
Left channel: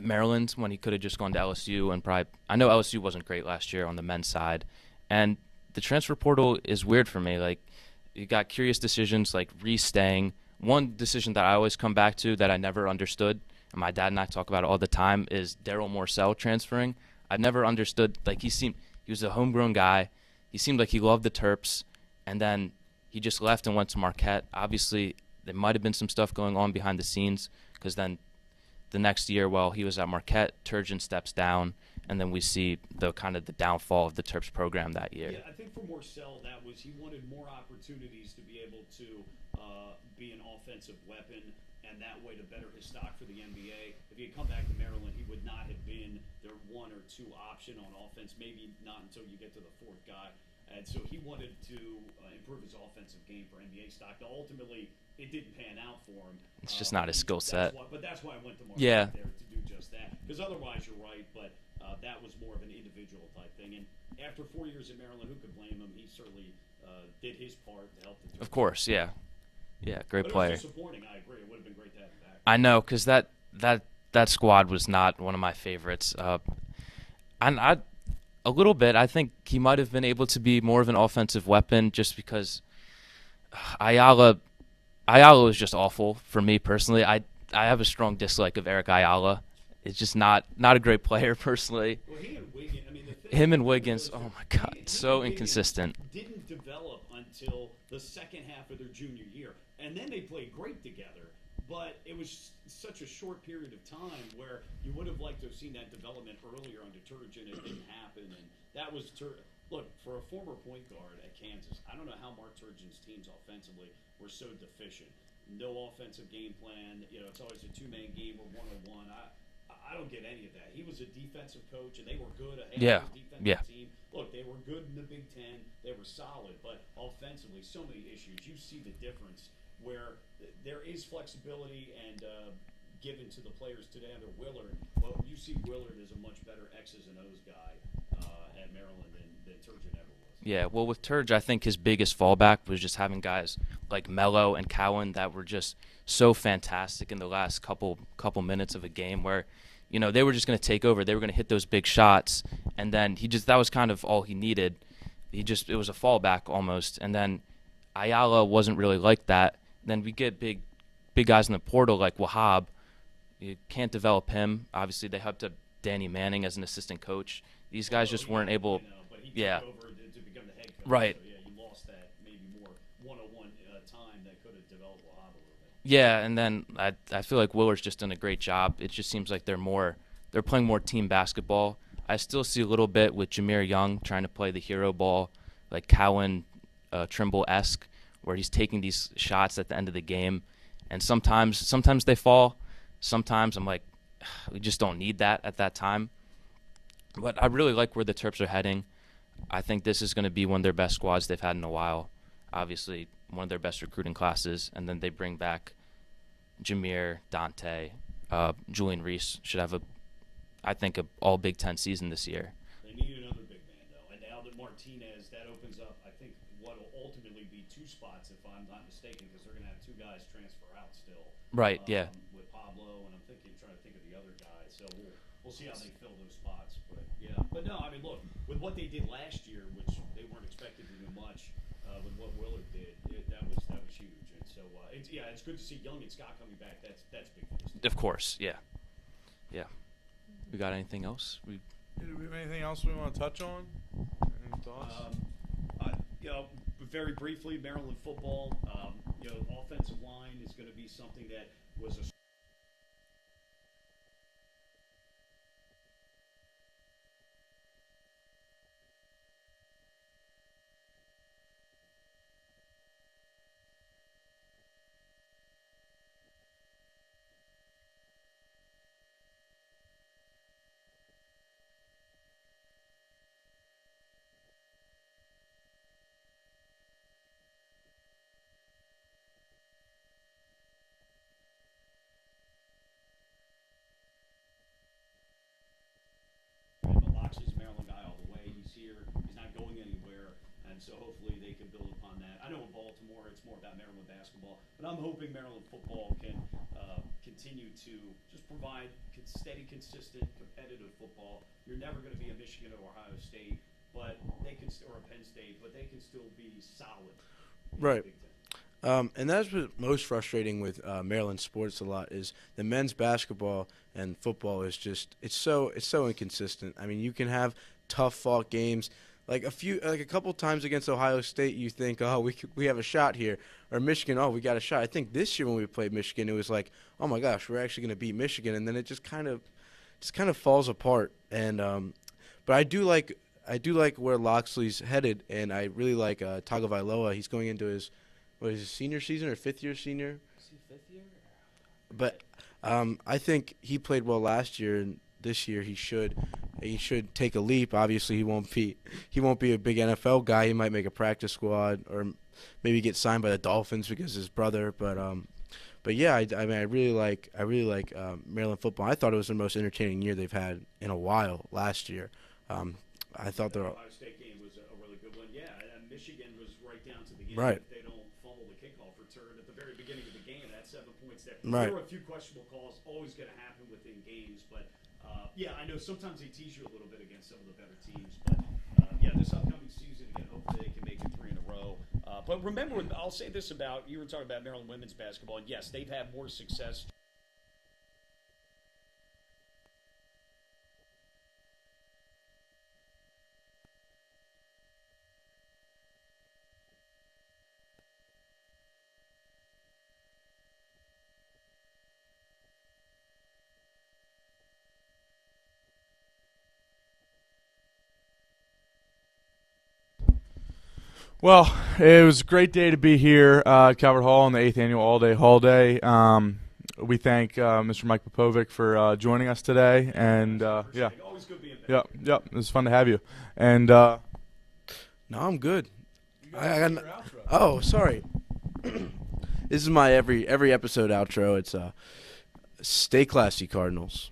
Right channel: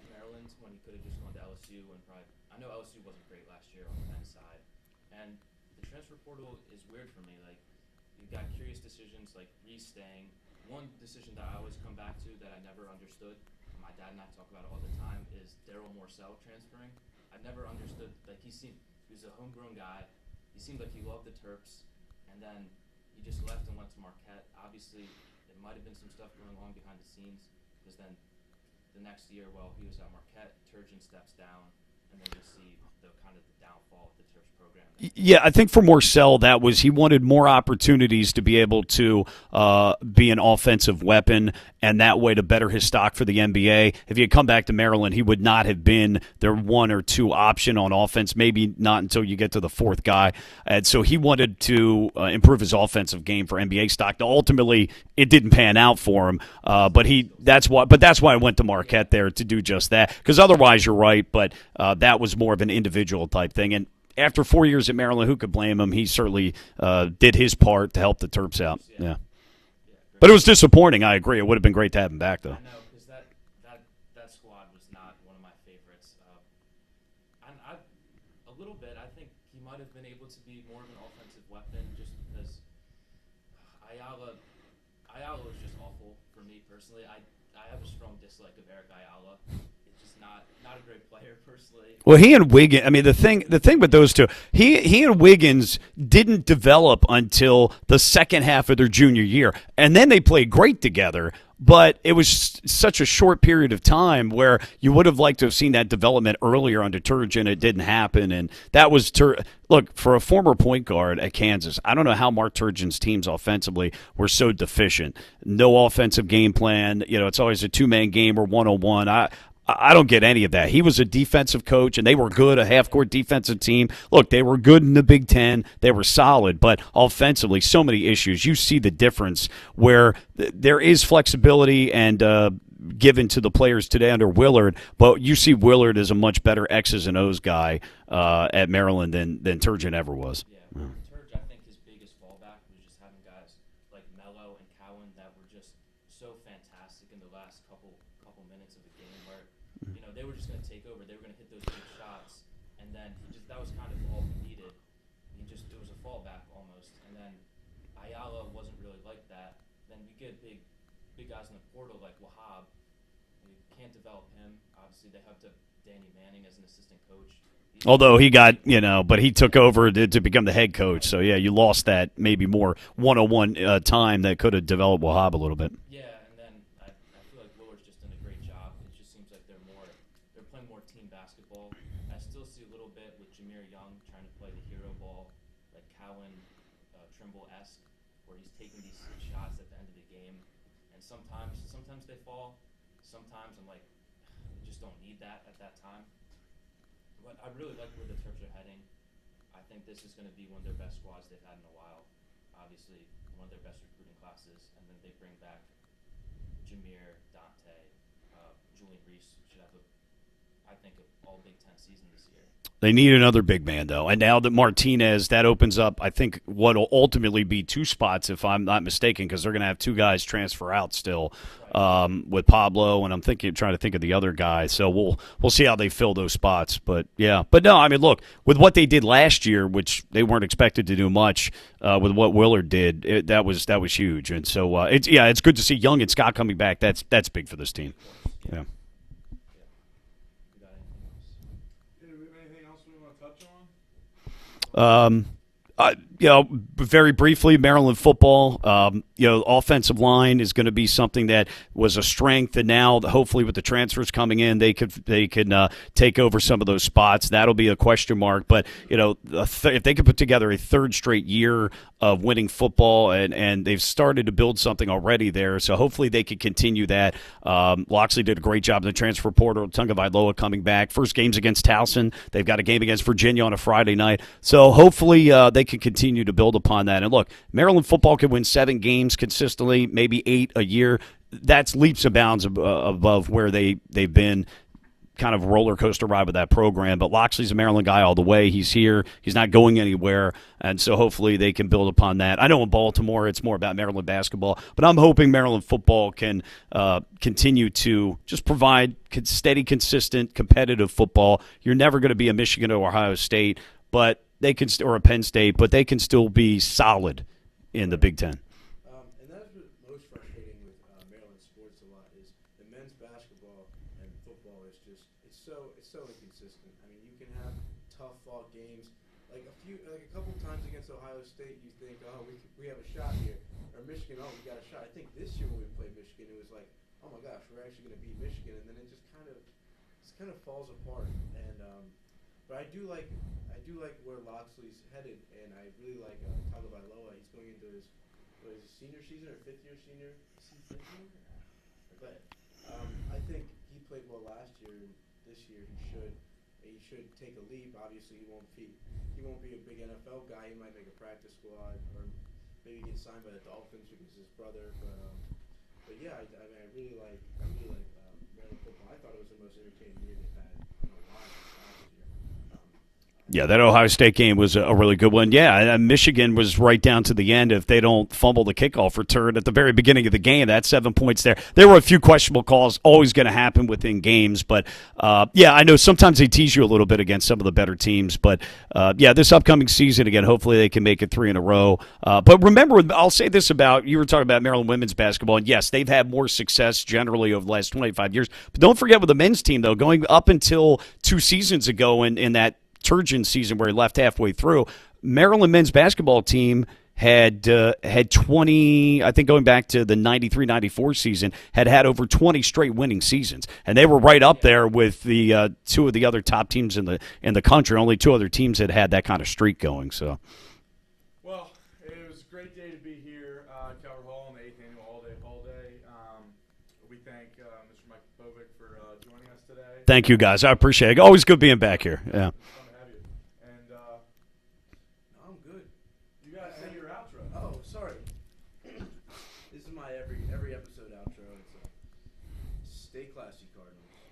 Maryland when he could have just gone to LSU, and probably – I know LSU wasn't great last year on the men's side. And the transfer portal is weird for me. Like, you got curious decisions like Reese staying. One decision that I always come back to that I never understood, and my dad and I talk about it all the time, is Daryl Morcell transferring. I never understood – like, he was a homegrown guy. He seemed like he loved the Terps, and then he just left and went to Marquette. Obviously, there might have been some stuff going on behind the scenes, because then – the next year, while he was at Marquette, Turgeon steps down, and then we see the kind of the downfall of the Terps program that year. Yeah, I think for Marcel, that was he wanted more opportunities to be able to be an offensive weapon, and that way to better his stock for the NBA. If he had come back to Maryland, he would not have been their 1 or 2 option on offense, maybe not until you get to the 4th guy. And so he wanted to improve his offensive game for NBA stock. Now, ultimately, it didn't pan out for him, but that's why I went to Marquette there to do just that. Because otherwise, you're right, but that was more of an individual type thing. And after 4 years at Maryland, who could blame him? He certainly did his part to help the Terps out. Yeah, great. But it was disappointing. I agree. It would have been great to have him back, though. I know, because that squad was not one of my favorites. And a little bit, I think he might have been able to be more of an offensive weapon just because Ayala was just awful for me personally. I have a strong dislike of Eric Ayala. It's just not a great player personally. Well, he and Wiggins. I mean, the thing with those two, he and Wiggins didn't develop until the second half of their junior year, and then they played great together. But it was such a short period of time where you would have liked to have seen that development earlier under Turgeon. It didn't happen, and that was look, for a former point guard at Kansas, I don't know how Mark Turgeon's teams offensively were so deficient. No offensive game plan. It's always a 2-man game or 1-on-1. I don't get any of that. He was a defensive coach, and they were good, a half-court defensive team. Look, they were good in the Big Ten. They were solid, but offensively, so many issues. You see the difference where there is flexibility and given to the players today under Willard, but you see Willard as a much better X's and O's guy at Maryland than Turgeon ever was. Yeah, well, with Turge, I think his biggest fallback was just having guys like Mello and Cowan that were just so fantastic in the last couple minutes of a game where, they were just going to take over. They were going to hit those big shots, and then that was kind of all he needed. It was a fallback almost, and then Ayala wasn't really like that. Then we get big guys in the portal like Wahab. You can't develop him. Obviously, they helped up Danny Manning as an assistant coach. Although he got, but he took over to become the head coach. Right. So, you lost that maybe more one-on-one time that could have developed Wahab a little bit. Yeah, and then I feel like Willard's just done a great job. It just seems like they're playing more team basketball. I still see a little bit with Jameer Young trying to play the hero ball, like Cowan Trimble-esque, where he's taking these shots at the end of the game. And sometimes they fall. Sometimes I'm like, we just don't need that at that time. But I really like where the Terps are heading. I think this is going to be one of their best squads they've had in a while. Obviously, one of their best recruiting classes. And then they bring back Jameer, Dante, Julian Reese should have I think, an all Big Ten season this year. They need another big man, though. And now that Martinez, that opens up, I think, what will ultimately be 2 spots, if I'm not mistaken, because they're going to have 2 guys transfer out still, right? With Pablo, and I'm trying to think of the other guy. So we'll see how they fill those spots. But no, I mean, look, with what they did last year, which they weren't expected to do much, with what Willard did, that was huge. And so it's good to see Young and Scott coming back. That's big for this team. Of course, yeah. We got anything else? Anything else we want to touch on? Very briefly, Maryland football, offensive line is going to be something that was a strength, and now hopefully with the transfers coming in, they can take over some of those spots. That'll be a question mark, but if they could put together a 3rd straight year of winning football, and they've started to build something already there, so hopefully they could continue that. Loxley did a great job in the transfer portal. Tungavailoa coming back. First game's against Towson. They've got a game against Virginia on a Friday night, so hopefully they can continue to build upon that. And look, Maryland football could win 7 games consistently, maybe 8 a year. That's leaps and bounds above where they've been. Kind of roller coaster ride with that program, but Loxley's a Maryland guy all the way. He's here. He's not going anywhere, and so hopefully they can build upon that. I know in Baltimore it's more about Maryland basketball, but I'm hoping Maryland football can continue to just provide steady, consistent, competitive football. You're never going to be a Michigan or Ohio State, but they can, or a Penn State, but they can still be solid in the Big Ten. And that's what's most frustrating with Maryland sports a lot is the men's basketball and football is just it's so inconsistent. I mean, you can have tough fought games like a couple times against Ohio State. You think, oh, we have a shot here, or Michigan, oh, we got a shot. I think this year when we played Michigan, it was like, oh my gosh, we're actually going to beat Michigan, and then it just kind of just kind of falls apart. And but I do like where Loxley's headed, and I really like Tagovailoa. He's going into his senior season or fifth year senior. But I think he played well last year, and this year he should take a leap. Obviously, he won't be a big NFL guy. He might make a practice squad or maybe get signed by the Dolphins because his brother. But yeah, I mean, I really like Maryland football. I thought it was the most entertaining year they've had in a while last year. That Ohio State game was a really good one. Yeah, Michigan was right down to the end. Right. If they don't fumble the kickoff return at the very beginning of the game, that's 7 points there. Right. There were a few questionable calls, always going to happen within games. But, I know sometimes they tease you a little bit against some of the better teams. But, this upcoming season, again, hopefully they can make it 3 in a row. But remember, I'll say this about, you were talking about Maryland women's basketball, and yes, they've had more success generally over the last 25 years. But don't forget with the men's team, though, going up until 2 seasons ago in that Turgeon season where he left halfway through, Maryland men's basketball team had 20, I think going back to the 93-94 season, had over 20 straight winning seasons. And they were right up there with the 2 of the other top teams in the country. Only 2 other teams had that kind of streak going. So, Well, it was a great day to be here at Calvert Hall on the 8th Annual All-Day Hall Day. We thank Mr. Mike Popovec for joining us today. Thank you, guys. I appreciate it. Always good being back here. Yeah, it was fun to have you. And no, I'm good. Oh, sorry. This is my every episode outro. It's stay classy, Cardinals.